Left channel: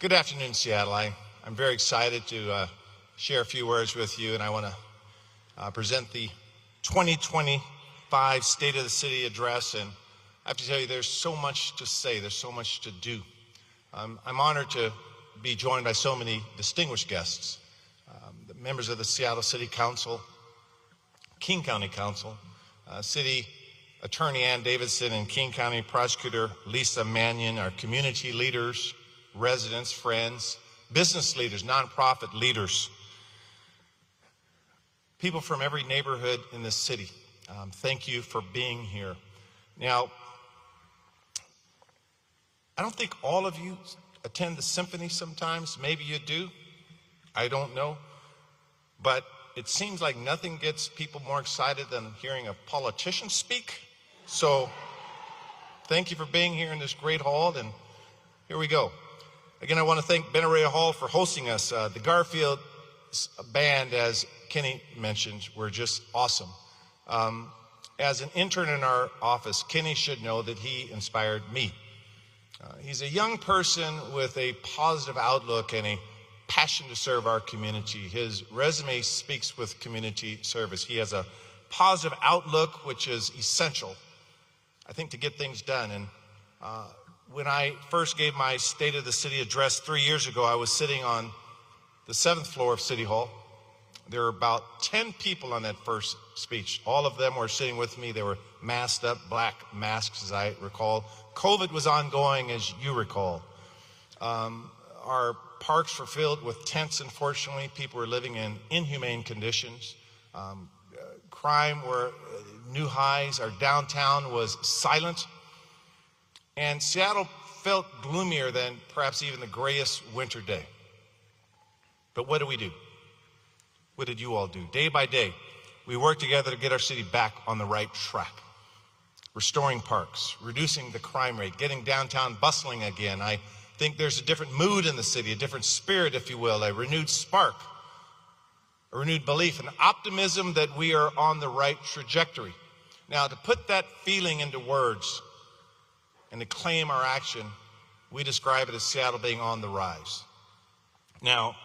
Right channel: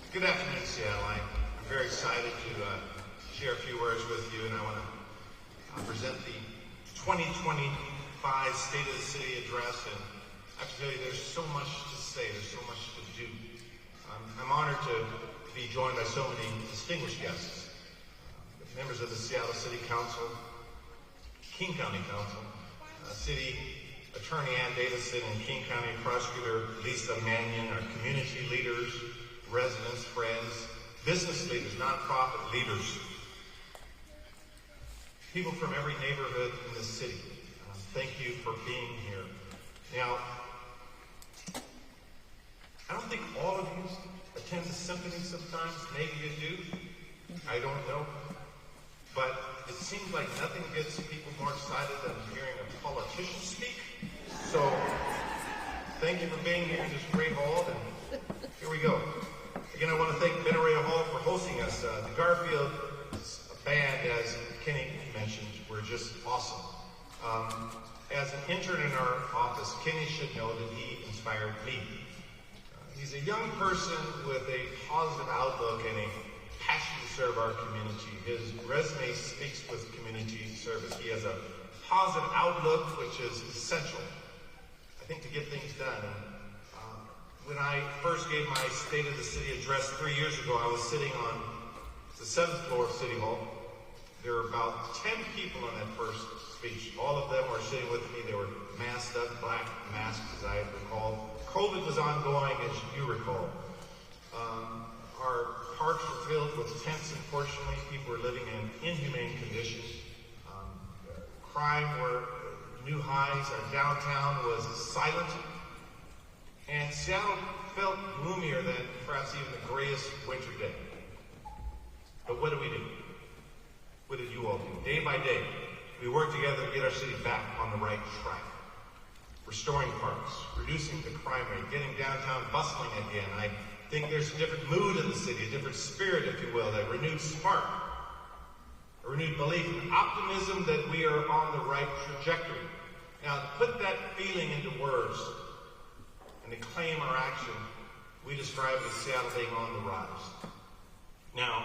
Good afternoon, Seattle. I'm very excited to share a few words with you, and I want to present the 2025 State of the City Address. And I have to tell you, there's so much to say, there's so much to do. I'm honored to be joined by so many distinguished guests, the members of the Seattle City Council, King County Council, City Attorney Ann Davidson and King County Prosecutor Lisa Mannion, our community leaders, residents, friends, business leaders, nonprofit leaders, people from every neighborhood in the city. Thank you for being here. Now, I don't think all of you attend the symphony sometimes. Maybe you do. I don't know. But it seems like nothing gets people more excited than hearing a politician speak. So thank you for being here in this great hall, and here we go. Again, I want to thank Benaria Hall for hosting us. The Garfield band, as Kenny mentioned, were just awesome. As an intern in our office, Kenny should know that he inspired me. He's a young person with a positive outlook and a passion to serve our community. His resume speaks with community service. He has a positive outlook, which is essential, I think, to get things done. And when I first gave my State of the City address 3 years ago, I was sitting on the 7th floor of City Hall. There were about 10 people on that first speech. All of them were sitting with me. They were masked up, black masks, as I recall. COVID was ongoing, as you recall. Our parks were filled with tents, unfortunately. People were living in inhumane conditions. Crime were new highs. Our downtown was silent. And Seattle felt gloomier than perhaps even the grayest winter day. But what do we do? What did you all do? Day by day, we worked together to get our city back on the right track. Restoring parks, reducing the crime rate, getting downtown bustling again. I think there's a different mood in the city, a different spirit, if you will, a renewed spark, a renewed belief and optimism that we are on the right trajectory. Now, to put that feeling into words and to claim our action, we describe it as Seattle being on the rise. Now,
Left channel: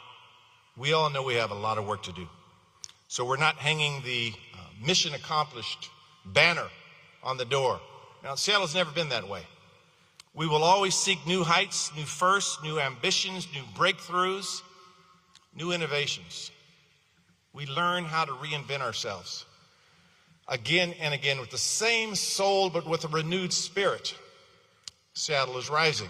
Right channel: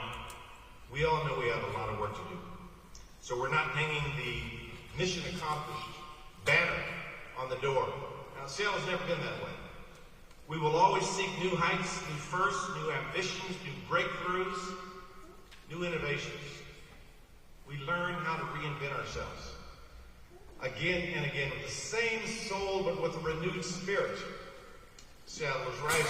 we all know we have a lot of work to do. So we're not hanging the mission accomplished banner on the door. Now, Seattle's never been that way. We will always seek new heights, new firsts, new ambitions, new breakthroughs, new innovations. We learn how to reinvent ourselves again and again with the same soul, but with a renewed spirit. Seattle is rising.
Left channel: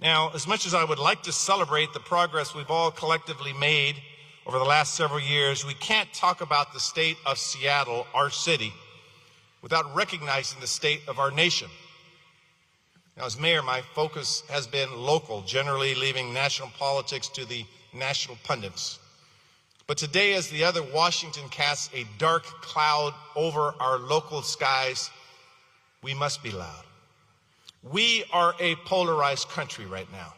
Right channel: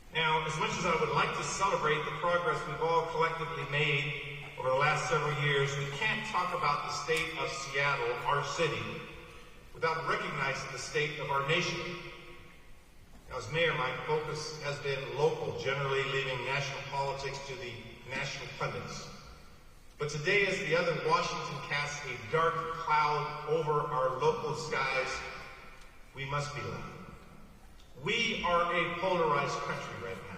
Now, as much as I would like to celebrate the progress we've all collectively made over the last several years, we can't talk about the state of Seattle, our city, without recognizing the state of our nation. Now, as mayor, my focus has been local, generally leaving national politics to the national pundits. But today, as the other Washington casts a dark cloud over our local skies, we must be loud. We are a polarized country right now.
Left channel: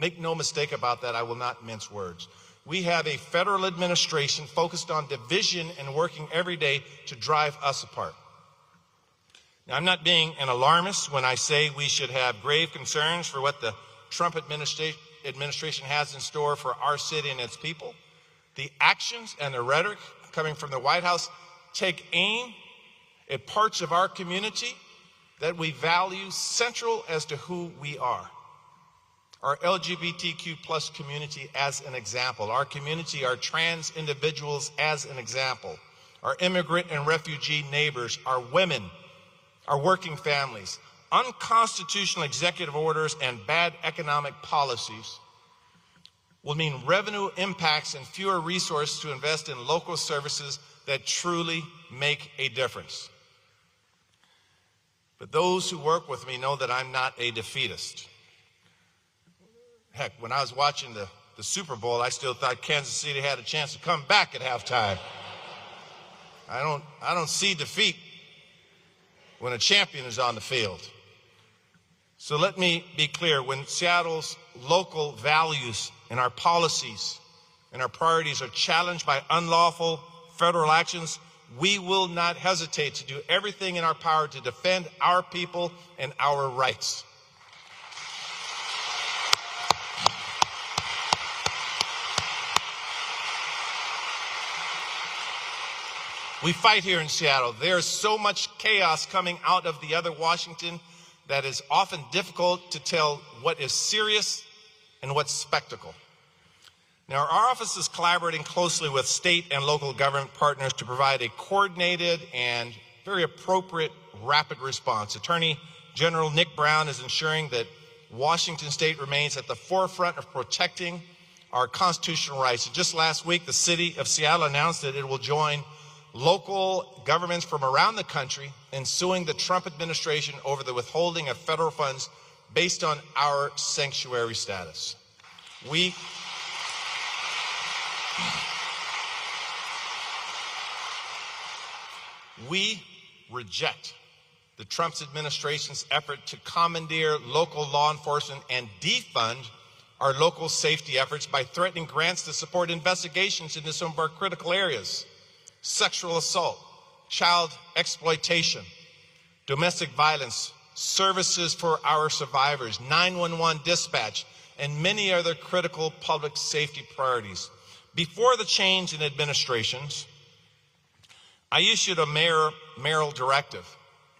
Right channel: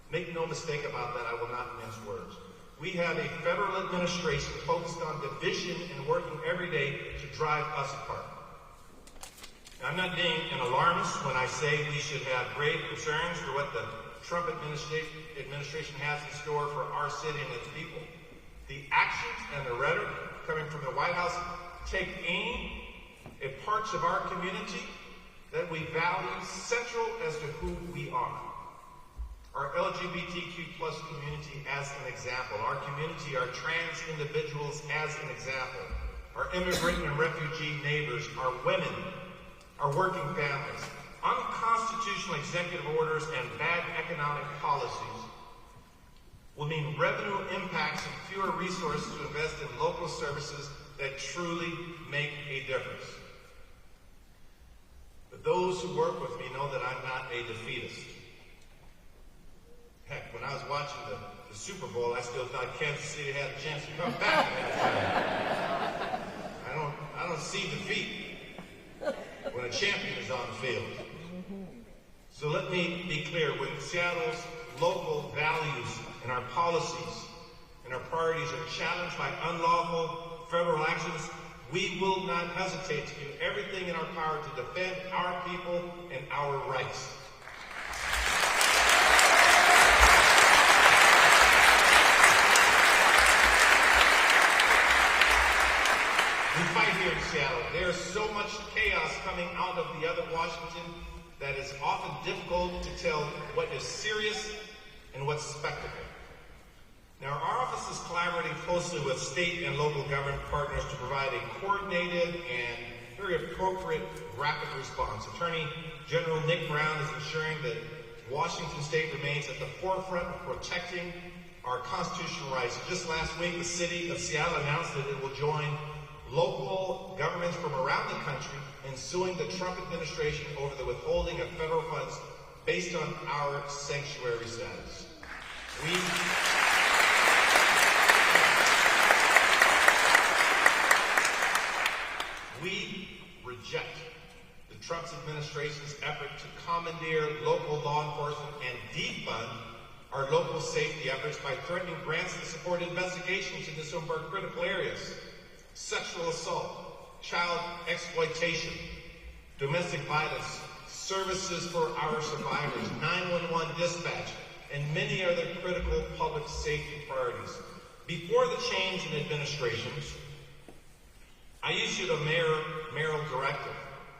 Make no mistake about that, I will not mince words. We have a federal administration focused on division and working every day to drive us apart. Now, I'm not being an alarmist when I say we should have grave concerns for what the Trump administration has in store for our city and its people. The actions and the rhetoric coming from the White House take aim at parts of our community that we value central as to who we are. Our LGBTQ plus community as an example, our community, our trans individuals as an example, our immigrant and refugee neighbors, our women, our working families, unconstitutional executive orders and bad economic policies will mean revenue impacts and fewer resources to invest in local services that truly make a difference. But those who work with me know that I'm not a defeatist. Heck, when I was watching the Super Bowl, I still thought Kansas City had a chance to come back to halftime. I don't see defeat when a champion is on the field. So let me be clear, when Seattle's local values and our policies and our priorities are challenged by unlawful federal actions, we will not hesitate to do everything in our power to defend our people and our rights. We fight here in Seattle. There is so much chaos coming out of the other Washington that is often difficult to tell what is serious and what's spectacle. Now, our office is collaborating closely with state and local government partners to provide a coordinated and very appropriate rapid response. Attorney General Nick Brown is ensuring that Washington State remains at the forefront of protecting our constitutional rights. Just last week, the city of Seattle announced that it will join local governments from around the country in suing the Trump administration over the withholding of federal funds based on our sanctuary status. We reject the Trump administration's effort to commandeer local law enforcement and defund our local safety efforts by threatening grants to support investigations into some of our critical areas: sexual assault, child exploitation, domestic violence, services for our survivors, 911 dispatch, and many other critical public safety priorities. Before the change in administrations, I issued a mayoral directive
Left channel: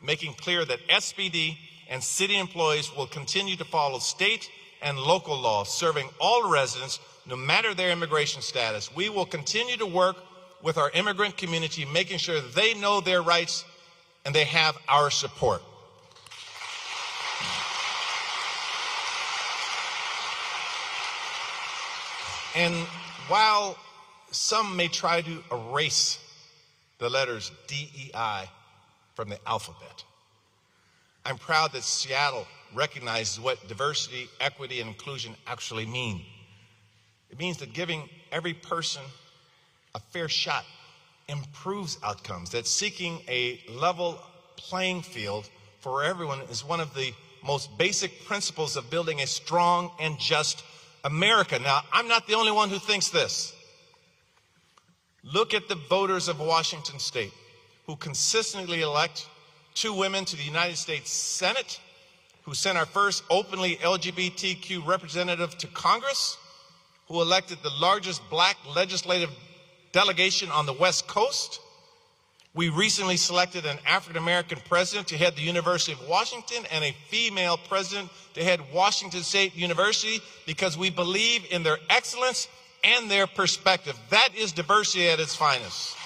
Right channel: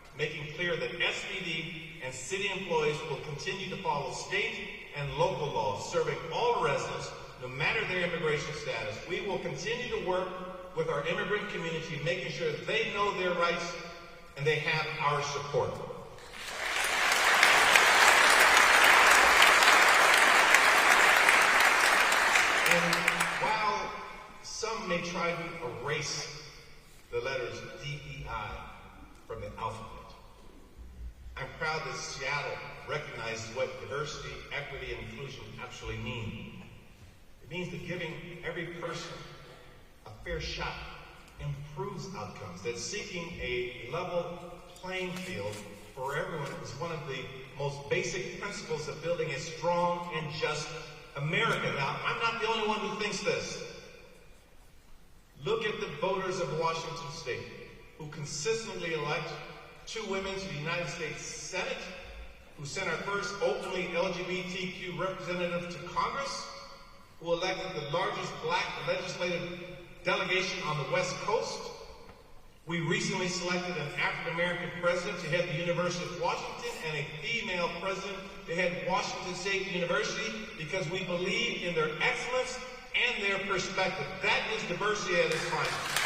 making clear that SPD and city employees will continue to follow state and local laws, serving all residents, no matter their immigration status. We will continue to work with our immigrant community, making sure they know their rights and they have our support. And while some may try to erase the letters DEI from the alphabet, I'm proud that Seattle recognizes what diversity, equity, and inclusion actually mean. It means that giving every person a fair shot improves outcomes, that seeking a level playing field for everyone is one of the most basic principles of building a strong and just America. Now, I'm not the only one who thinks this. Look at the voters of Washington State who consistently elect 2 women to the United States Senate, who sent our first openly LGBTQ representative to Congress, who elected the largest Black legislative delegation on the West Coast. We recently selected an African-American president to head the University of Washington and a female president to head Washington State University because we believe in their excellence and their perspective. That is diversity at its finest.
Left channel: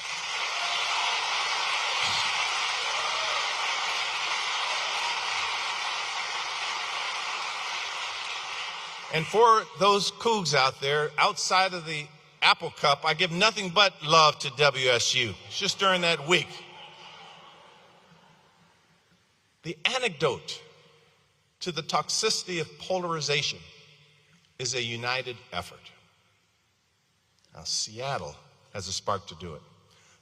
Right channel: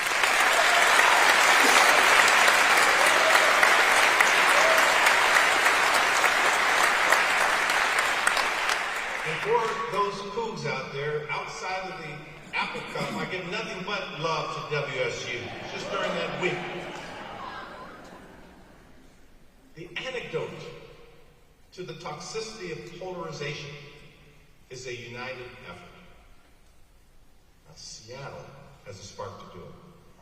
And for those cougs out there, outside of the Apple Cup, I give nothing but love to WSU. It's just during that week. The antidote to the toxicity of polarization is a united effort. Now, Seattle has a spark to do it.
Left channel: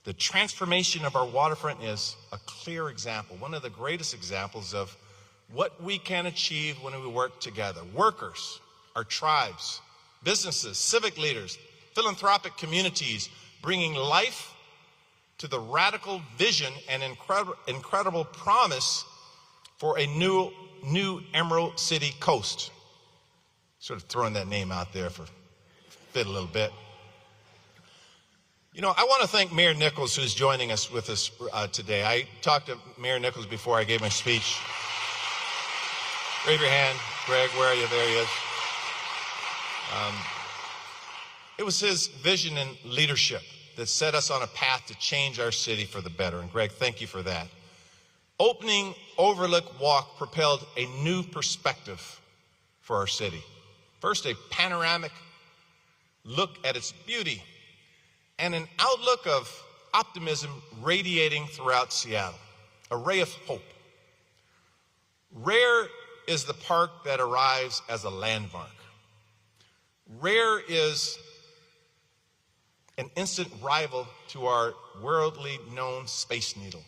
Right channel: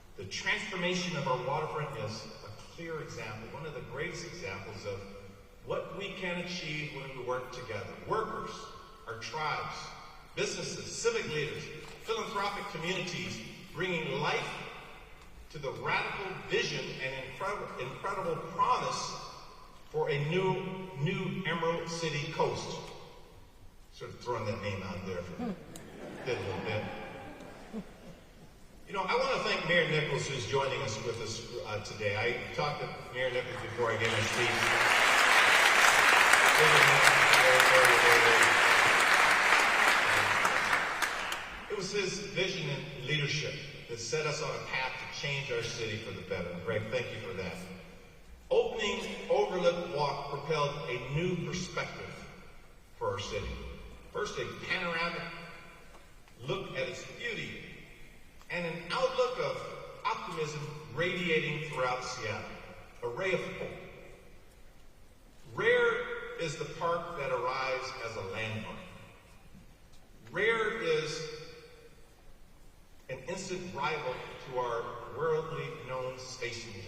The transformation of our waterfront is a clear example, one of the greatest examples of what we can achieve when we work together. Workers, our tribes, businesses, civic leaders, philanthropic communities, bringing life to the radical vision and incredible promise for a new Emerald City Coast. Sort of throwing that name out there for fit a little bit. You know, I want to thank Mayor Nichols, who's joining us with us today. I talked to Mayor Nichols before I gave my speech. Wave your hand. Where are you? There you go. It was his vision and leadership that set us on a path to change our city for the better. And Greg, thank you for that. Opening Overlook Walk propelled a new perspective for our city. First, a panoramic look at its beauty and an outlook of optimism radiating throughout Seattle, a ray of hope. Rare is the park that arrives as a landmark. Rare is an instant rival to our worldly known Space Needle.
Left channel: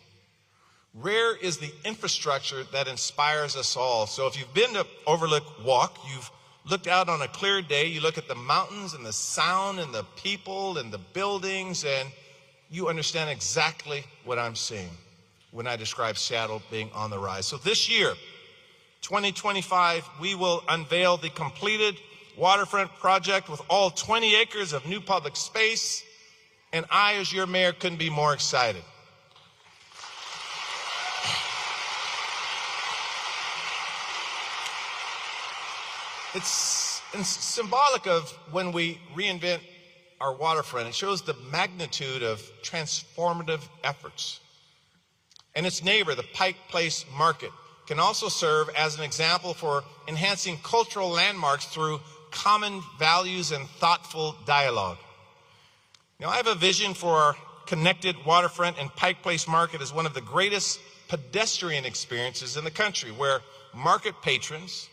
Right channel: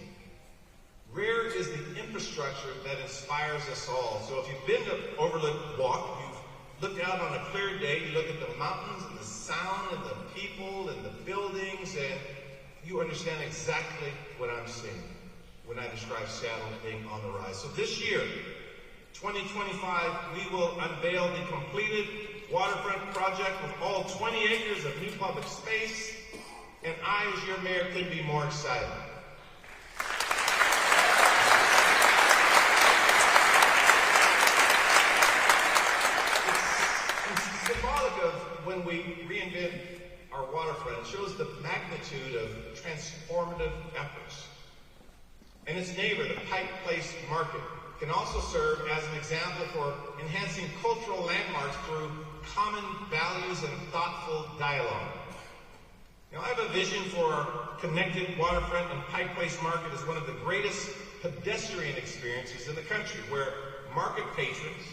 Rare is the infrastructure that inspires us all. So if you've been to Overlook Walk, you've looked out on a clear day, you look at the mountains and the sound and the people and the buildings, and you understand exactly what I'm saying when I describe Seattle being on the rise. So this year, 2025, we will unveil the completed waterfront project with all 20 acres of new public space, and I, as your mayor, couldn't be more excited. It's symbolic of when we reinvent our waterfront. It shows the magnitude of transformative efforts. And its neighbor, the Pike Place Market, can also serve as an example for enhancing cultural landmarks through common values and thoughtful dialogue. Now, I have a vision for our connected waterfront, and Pike Place Market is one of the greatest pedestrian experiences in the country, where market patrons,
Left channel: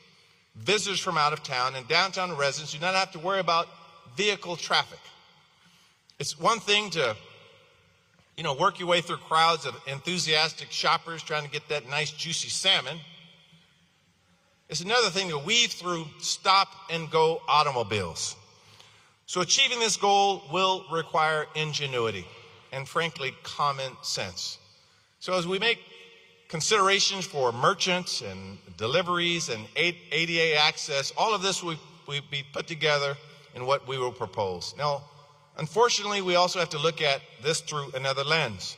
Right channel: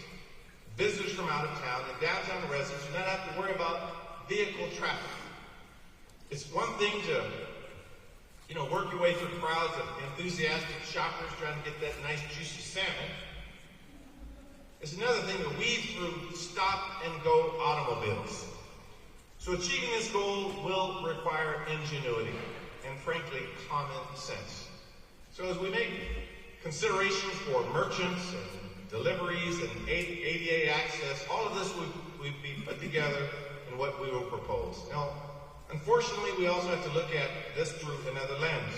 visitors from out of town, and downtown residents do not have to worry about vehicle traffic. It's one thing to, work your way through crowds of enthusiastic shoppers trying to get that nice juicy salmon. It's another thing to weave through stop-and-go automobiles. So achieving this goal will require ingenuity and, frankly, common sense. So as we make considerations for merchants and deliveries and ADA access, all of this will be put together in what we will propose. Now, unfortunately, we also have to look at this through another lens,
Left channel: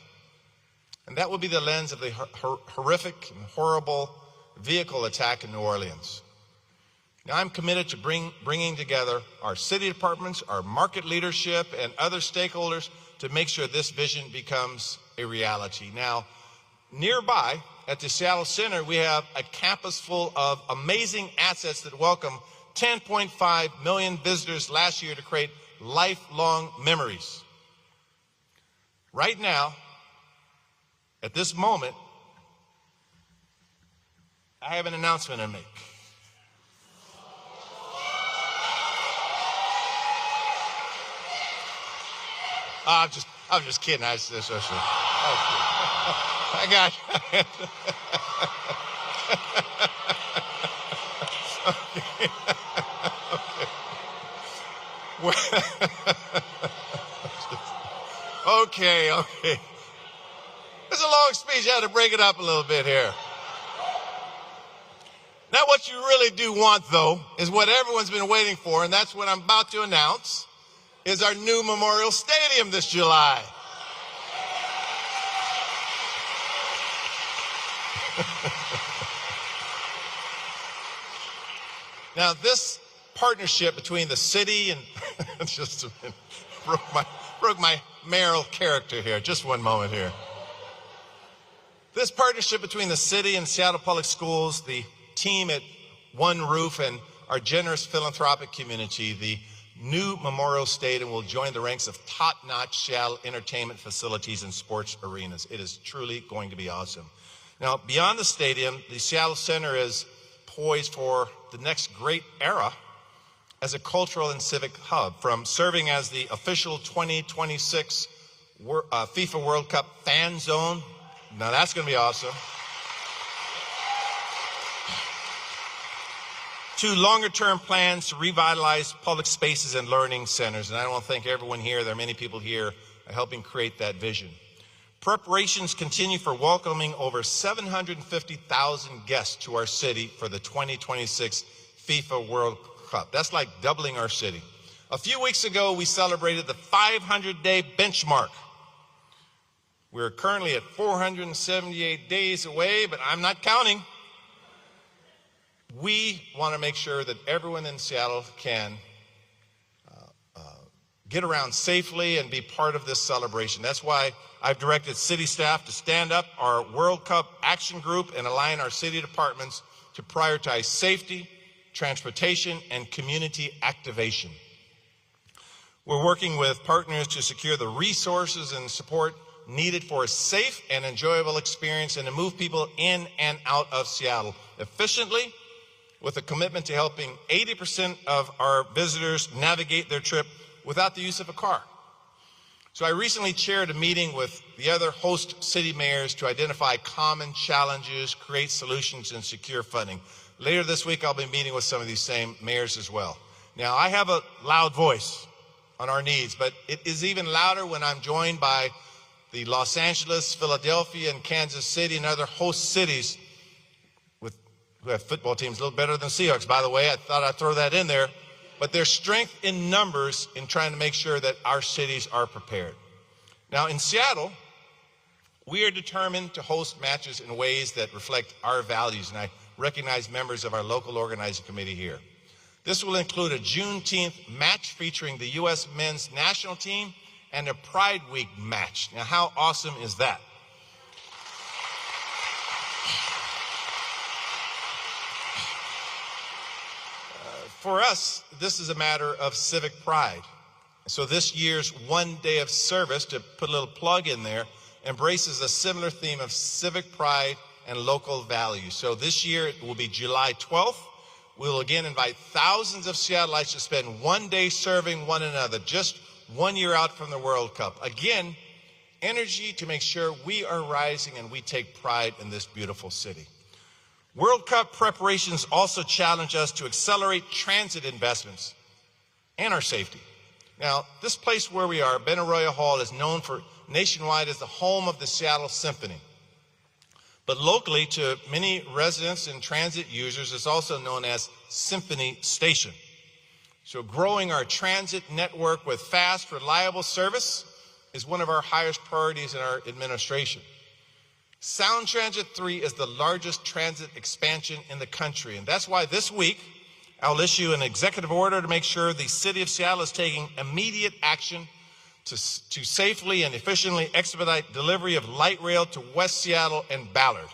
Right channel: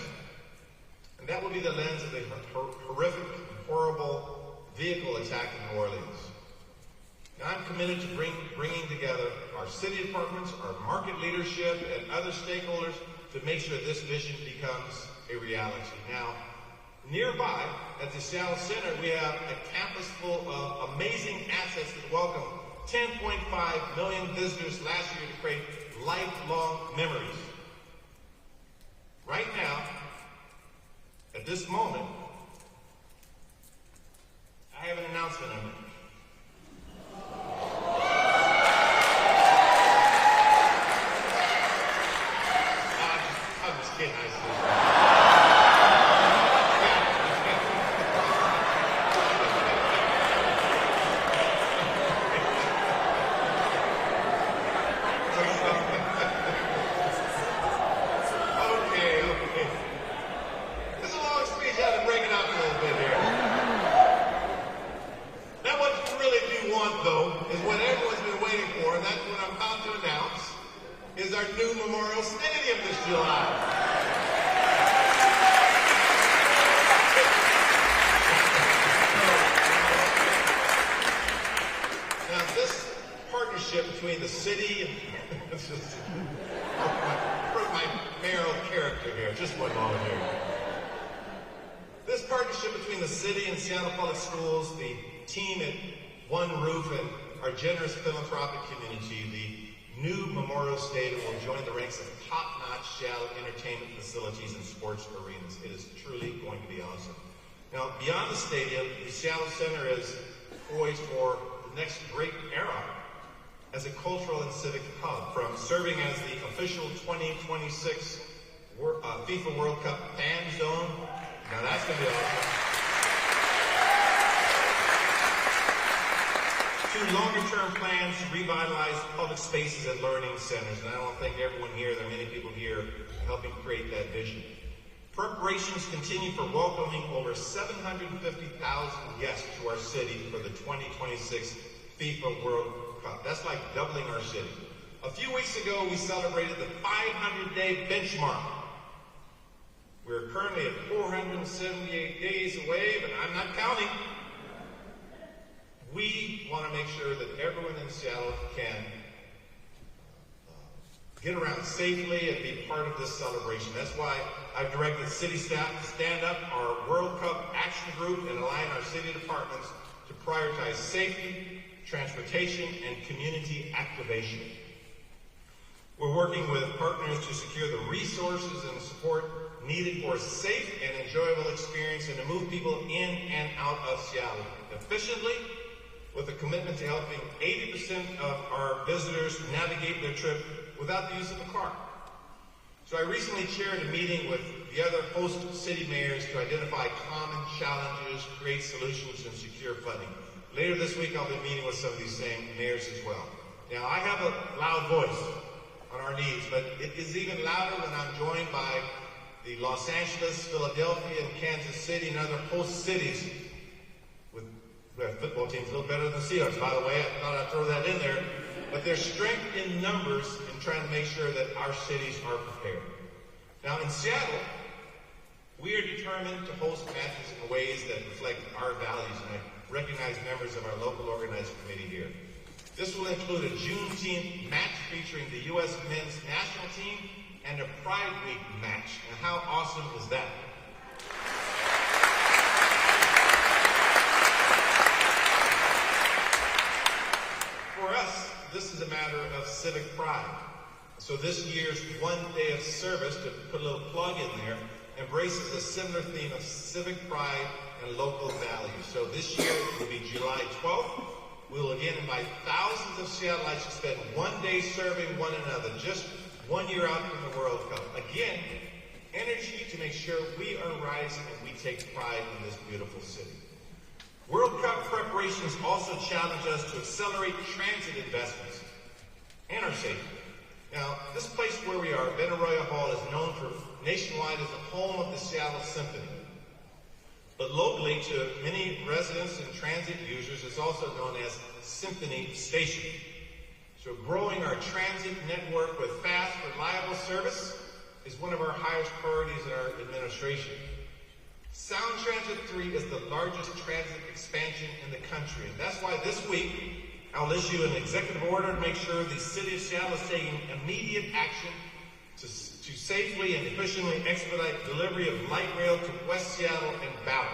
and that will be the lens of the horrific and horrible vehicle attack in New Orleans. Now, I'm committed to bringing together our city departments, our market leadership, and other stakeholders to make sure this vision becomes a reality. Now, nearby at the Seattle Center, we have a campus full of amazing assets that welcomed 10.5 million visitors last year to create lifelong memories. Right now, at this moment, I have an announcement to make. I'm just kidding. I got Okay. It's a long speech. I had to break it up a little bit here. Now, what you really do want, though, is what everyone's been waiting for, and that's what I'm about to announce, is our new Memorial Stadium this July. Now, this partnership between the city and just broke my mayoral character here. Just one moment here. This partnership between the city and Seattle Public Schools, the team at One Roof, and our generous philanthropic community, the new Memorial Stadium will join the ranks of top-notch Seattle entertainment facilities and sports arenas. It is truly going to be awesome. Now, beyond the stadium, the Seattle Center is poised for the next great era as a cultural and civic hub, from serving as the official 2026 FIFA World Cup fan zone. Now that's going to be awesome. To longer-term plans to revitalize public spaces and learning centers. And I want to thank everyone here. There are many people here helping create that vision. Preparations continue for welcoming over 750,000 guests to our city for the 2026 FIFA World Cup. That's like doubling our city. A few weeks ago, we celebrated the 500-day benchmark. We're currently at 478 days away, but I'm not counting. We want to make sure that everyone in Seattle can get around safely and be part of this celebration. That's why I've directed city staff to stand up our World Cup Action Group and align our city departments to prioritize safety, transportation, and community activation. We're working with partners to secure the resources and support needed for a safe and enjoyable experience and to move people in and out of Seattle efficiently, with a commitment to helping 80% of our visitors navigate their trip without the use of a car. So I recently chaired a meeting with the other host city mayors to identify common challenges, create solutions, and secure funding. Later this week, I'll be meeting with some of these same mayors as well. Now, I have a loud voice on our needs, but it is even louder when I'm joined by the Los Angeles, Philadelphia, and Kansas City and other host cities who have football teams a little better than the Seahawks, by the way. I thought I'd throw that in there. But there's strength in numbers in trying to make sure that our cities are prepared. Now, in Seattle, we are determined to host matches in ways that reflect our values, and I recognize members of our local organizing committee here. This will include a Juneteenth match featuring the U.S. men's national team and a Pride Week match. Now, how awesome is that? For us, this is a matter of civic pride. So this year's One Day of Service, to put a little plug in there, embraces a similar theme of civic pride and local values. So this year it will be July 12th. We will again invite thousands of Seattleites to spend one day serving one another, just 1 year out from the World Cup. Again, energy to make sure we are rising and we take pride in this beautiful city. World Cup preparations also challenge us to accelerate transit investments and our safety. Now, this place where we are, Benaroya Hall, is known for nationwide as the home of the Seattle Symphony. But locally, to many residents and transit users, it's also known as Symphony Station. So growing our transit network with fast, reliable service is one of our highest priorities in our administration. Sound Transit 3 is the largest transit expansion in the country, and that's why this week I'll issue an executive order to make sure the City of Seattle is taking immediate action to safely and efficiently expedite delivery of light rail to West Seattle and Ballard.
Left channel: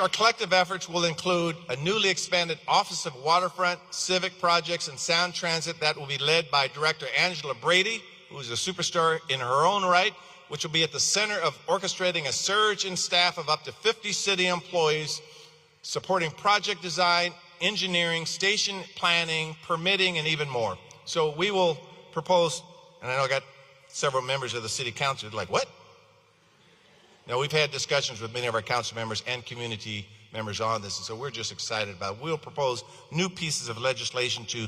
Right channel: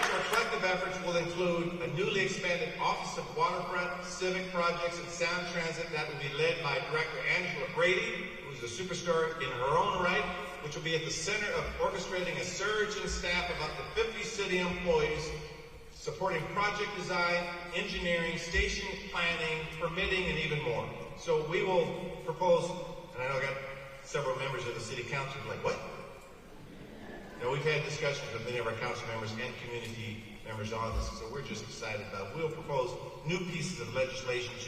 Our collective efforts will include a newly expanded Office of Waterfront, Civic Projects, and Sound Transit that will be led by Director Angela Brady, who is a superstar in her own right, which will be at the center of orchestrating a surge in staff of up to 50 city employees, supporting project design, engineering, station planning, permitting, and even more. So we will propose, and I know I got several members of the City Council like, what? Now, we've had discussions with many of our council members and community members on this, so we're just excited about it. We'll propose new pieces of legislation to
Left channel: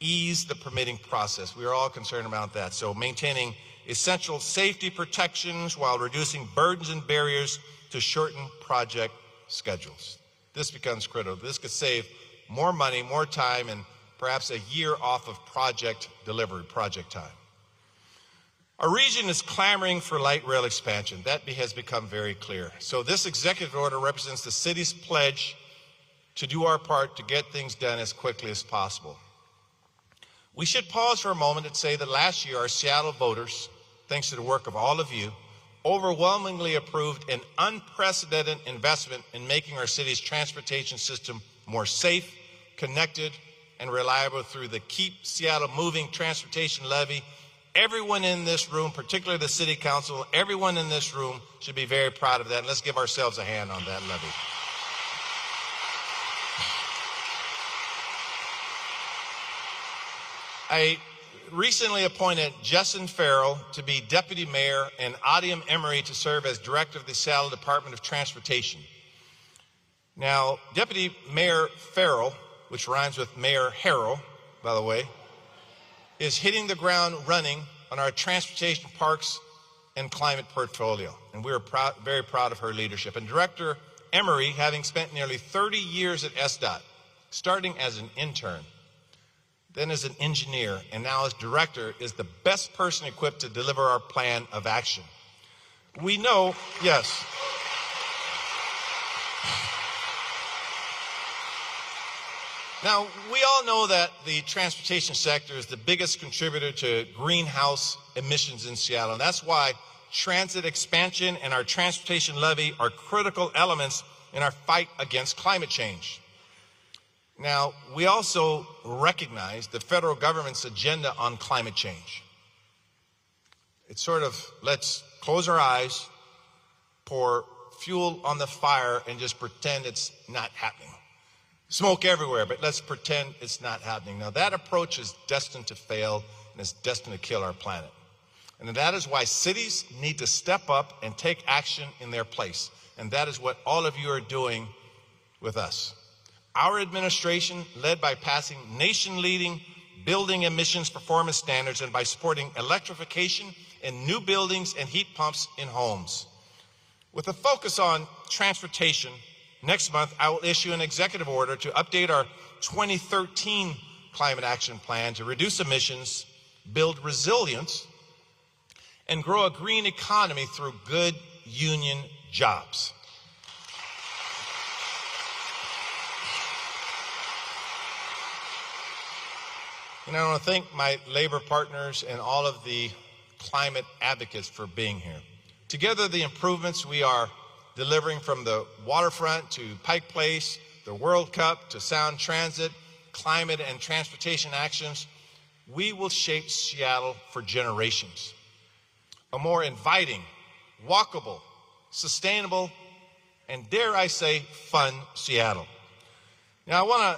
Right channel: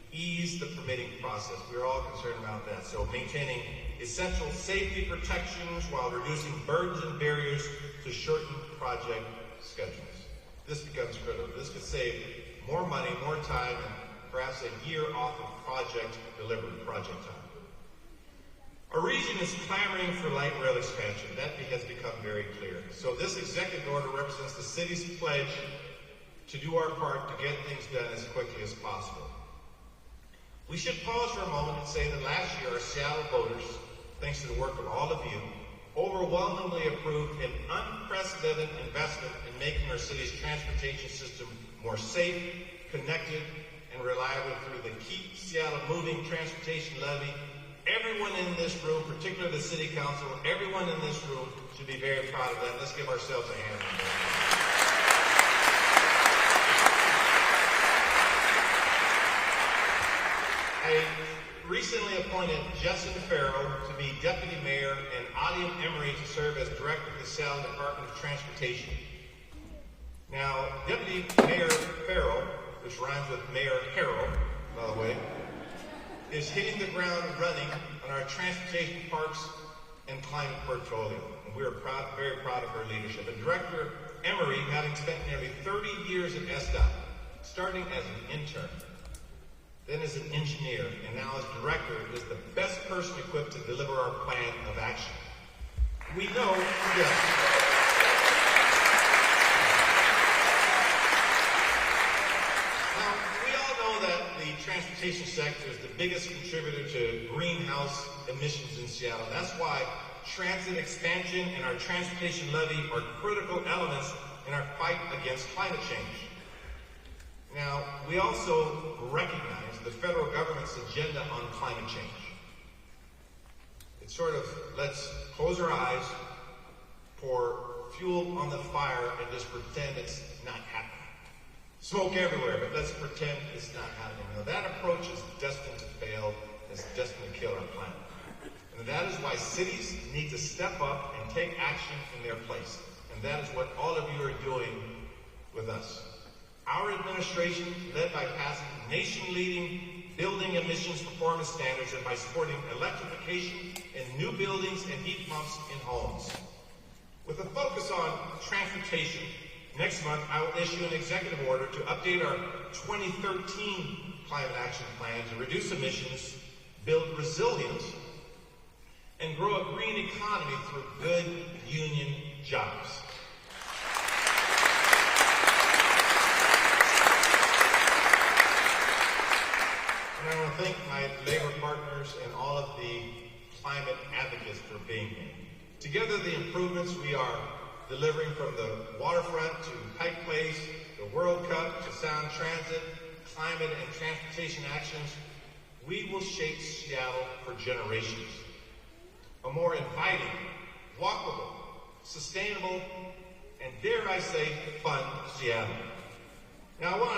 ease the permitting process. We are all concerned about that. So maintaining essential safety protections while reducing burdens and barriers to shorten project schedules. This becomes critical. This could save more money, more time, and perhaps a year off of project time. Our region is clamoring for light rail expansion. That has become very clear. So this executive order represents the city's pledge to do our part to get things done as quickly as possible. We should pause for a moment and say that last year our Seattle voters, thanks to the work of all of you, overwhelmingly approved an unprecedented investment in making our city's transportation system more safe, connected, and reliable through the Keep Seattle Moving Transportation Levy. Everyone in this room, particularly the City Council, everyone in this room should be very proud of that. Let's give ourselves a hand on that levy. I recently appointed Justin Farrell to be Deputy Mayor and Adiam Emery to serve as Director of the Seattle Department of Transportation. Now, Deputy Mayor Farrell, which rhymes with Mayor Harrell, by the way, is hitting the ground running on our transportation, parks, and climate portfolio. And we're very proud of her leadership. And Director Emery, having spent nearly 30 years at SDOT, starting as an intern, then as an engineer, and now as director, is the best person equipped to deliver our plan of action. We know, yes. Now, we all know that the transportation sector is the biggest contributor to greenhouse emissions in Seattle, and that's why transit expansion and our transportation levy are critical elements in our fight against climate change. Now, we also recognize the federal government's agenda on climate change. It's sort of, let's close our eyes, pour fuel on the fire, and just pretend it's not happening. Smoke everywhere, but let's pretend it's not happening. Now, that approach is destined to fail, and it's destined to kill our planet. And that is why cities need to step up and take action in their place. And that is what all of you are doing with us. Our administration, led by passing nation-leading building emissions performance standards and by supporting electrification in new buildings and heat pumps in homes. With a focus on transportation, next month I will issue an executive order to update our 2013 Climate Action Plan to reduce emissions, build resilience, and grow a green economy through good union jobs. And I want to thank my labor partners and all of the climate advocates for being here. Together, the improvements we are delivering, from the waterfront to Pike Place, the World Cup to sound transit, climate and transportation actions, we will shape Seattle for generations. A more inviting, walkable, sustainable, and dare I say, fun Seattle. Now I want to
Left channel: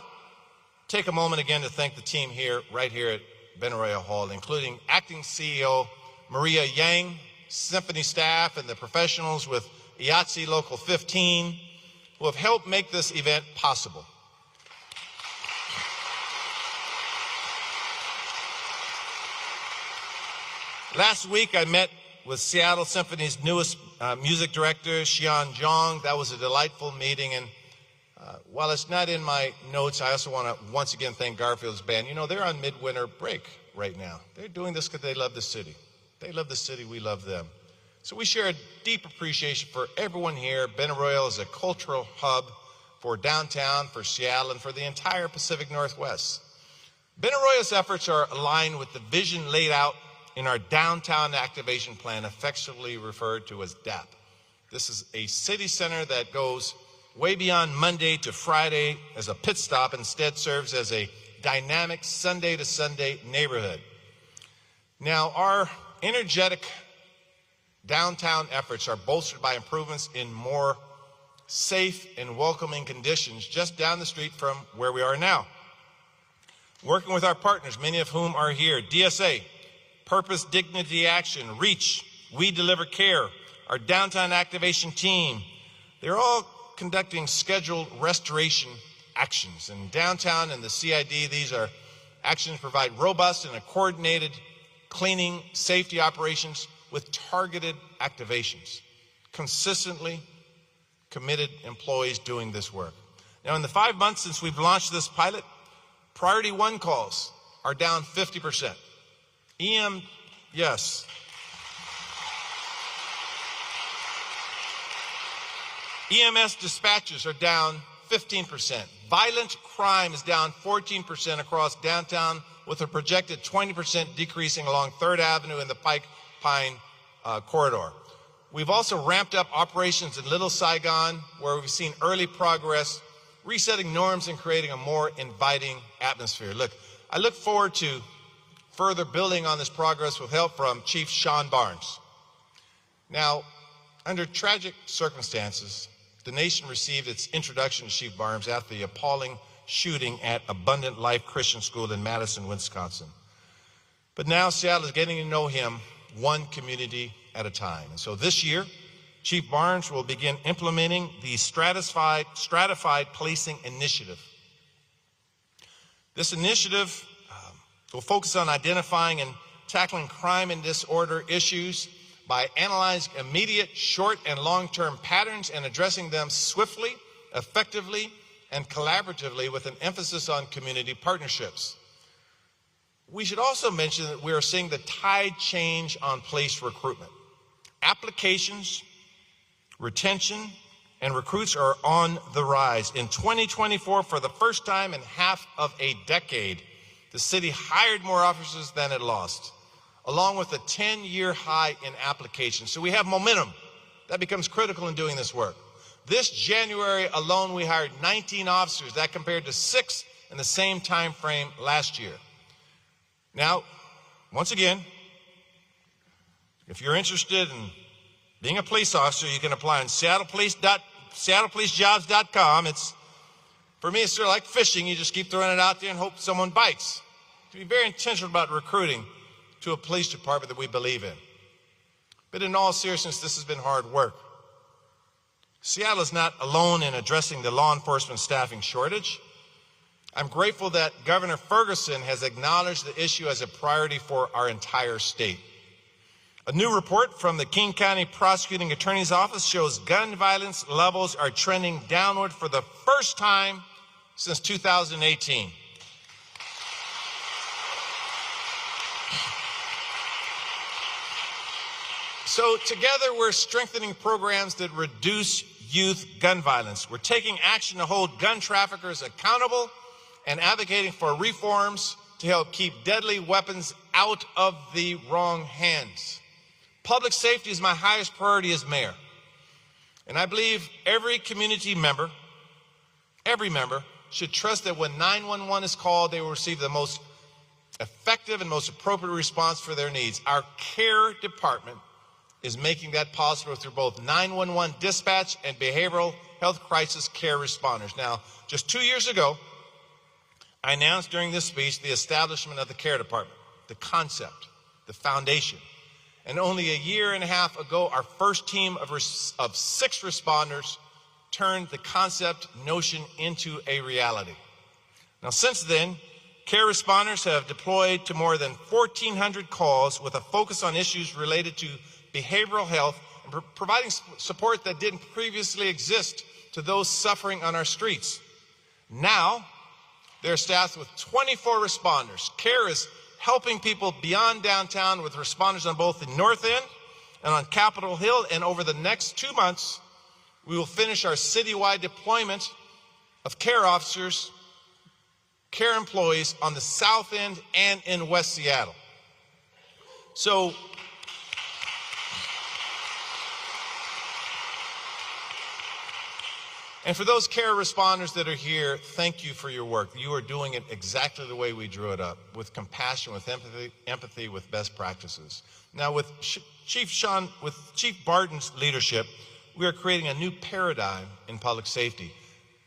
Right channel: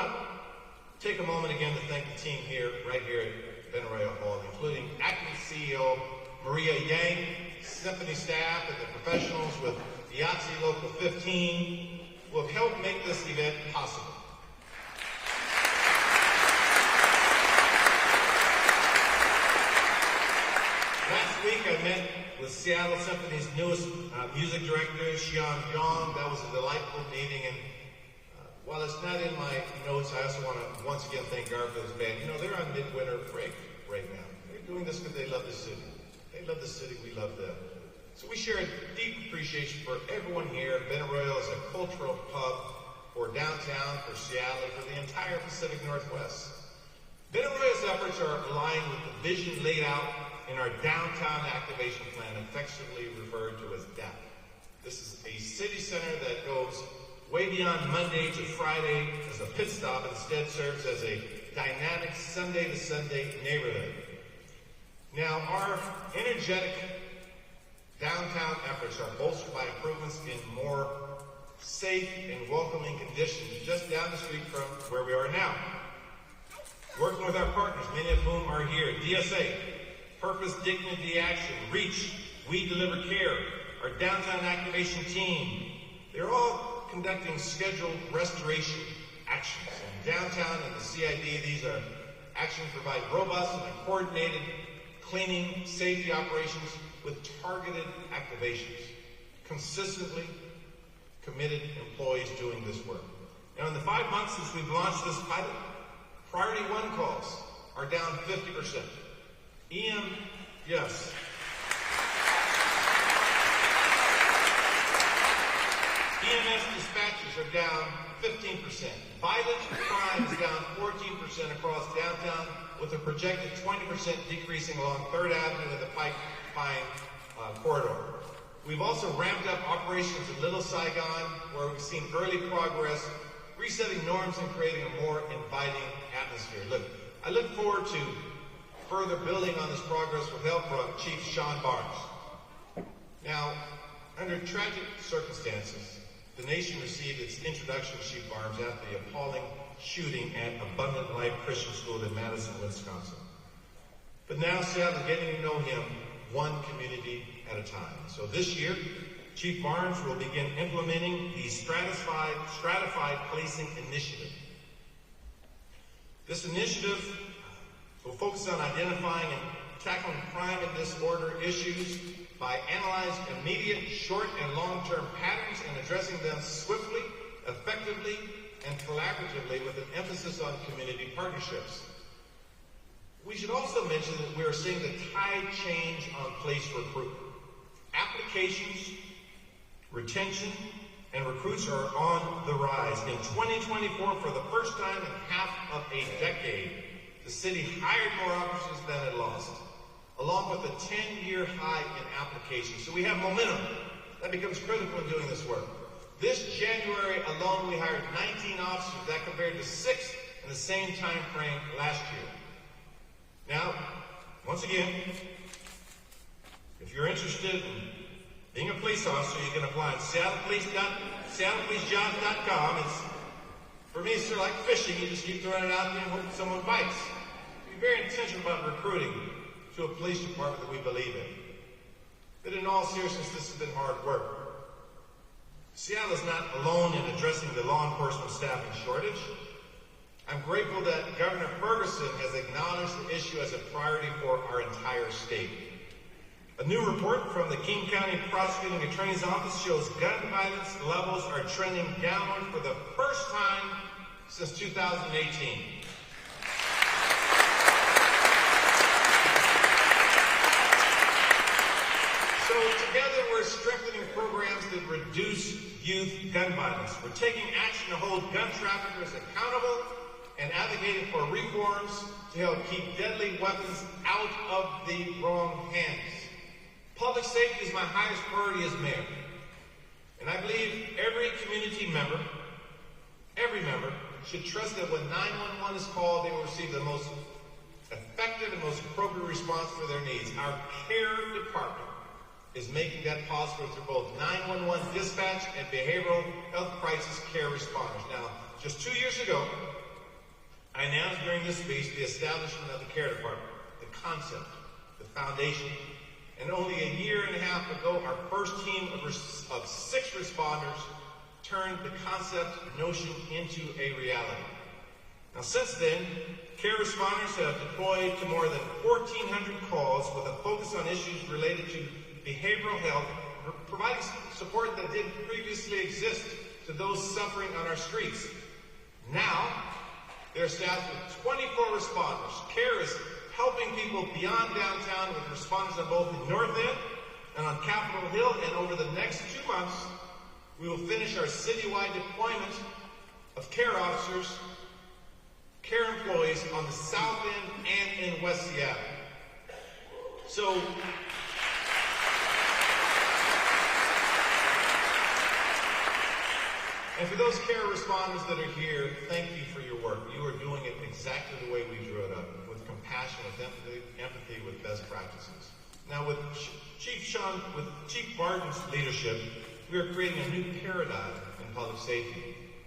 take a moment again to thank the team here, right here at Benaroya Hall, including Acting CEO Maria Yang, Symphony staff, and the professionals with IATSE Local 15, who have helped make this event possible. Last week, I met with Seattle Symphony's newest music director, Xian Zhang. That was a delightful meeting, and while it's not in my notes, I also want to once again thank Garfield's band. You know, they're on midwinter break right now. They're doing this because they love the city. They love the city, we love them. So we share a deep appreciation for everyone here. Benaroya is a cultural hub for downtown, for Seattle, and for the entire Pacific Northwest. Benaroya's efforts are aligned with the vision laid out in our Downtown Activation Plan, affectionately referred to as DAP. This is a city center that goes way beyond Monday to Friday as a pit stop, instead serves as a dynamic Sunday to Sunday neighborhood. Now, our energetic downtown efforts are bolstered by improvements in more safe and welcoming conditions just down the street from where we are now. Working with our partners, many of whom are here, DSA, Purpose, Dignity, Action, REACH, We Deliver Care, our downtown activation team, they're all conducting scheduled restoration actions. In downtown and the CID, these are actions provide robust and coordinated cleaning, safety operations with targeted activations. Consistently committed employees doing this work. Now, in the 5 months since we've launched this pilot, priority 1 calls are down 50%. EMS dispatches are down 15%. Violent crime is down 14% across downtown, with a projected 20% decreasing along 3rd Avenue in the Pike Pine corridor. We've also ramped up operations in Little Saigon, where we've seen early progress, resetting norms and creating a more inviting atmosphere. I look forward to further building on this progress with help from Chief Sean Barnes. Now, under tragic circumstances, the nation received its introduction to Chief Barnes after the appalling shooting at Abundant Life Christian School in Madison, Wisconsin. But now Seattle is getting to know him one community at a time. So this year, Chief Barnes will begin implementing the stratified policing initiative. This initiative will focus on identifying and tackling crime and disorder issues by analyzing immediate, short, and long-term patterns and addressing them swiftly, effectively, and collaboratively with an emphasis on community partnerships. We should also mention that we are seeing the tide change on police recruitment. Applications, retention, and recruits are on the rise. In 2024, for the first time in half of a decade, the city hired more officers than it lost, along with a 10-year high in applications. So we have momentum. That becomes critical in doing this work. This January alone, we hired 19 officers. That compared to 6 in the same time frame last year. Now, once again, if you're interested in being a police officer, you can apply on seattlepolicejobs.com. For me, it's sort of like fishing. You just keep throwing it out there and hope someone bites. To be very intentional about recruiting to a police department that we believe in. But in all seriousness, this has been hard work. Seattle is not alone in addressing the law enforcement staffing shortage. I'm grateful that Governor Ferguson has acknowledged the issue as a priority for our entire state. A new report from the King County Prosecuting Attorney's Office shows gun violence levels are trending downward for the first time since 2018. So together we're strengthening programs that reduce youth gun violence. We're taking action to hold gun traffickers accountable and advocating for reforms to help keep deadly weapons out of the wrong hands. Public safety is my highest priority as mayor. And I believe every community member, every member, should trust that when 911 is called, they will receive the most effective and most appropriate response for their needs. Our care department is making that possible through both 911 dispatch and behavioral health crisis care responders. Now, just 2 years ago, I announced during this speech the establishment of the care department, the concept, the foundation. And only a year and a half ago, our first team of 6 responders turned the concept notion into a reality. Now, since then, care responders have deployed to more than 1,400 calls with a focus on issues related to behavioral health, providing support that didn't previously exist to those suffering on our streets. Now, they're staffed with 24 responders. CARE is helping people beyond downtown with responders on both the North End and on Capitol Hill, and over the next 2 months, we will finish our citywide deployment of CARE officers, CARE employees on the South End and in West Seattle. So, and for those care responders that are here, thank you for your work. You are doing it exactly the way we drew it up, with compassion, with empathy, with best practices. Now, with Chief Barton's leadership, we are creating a new paradigm in public safety.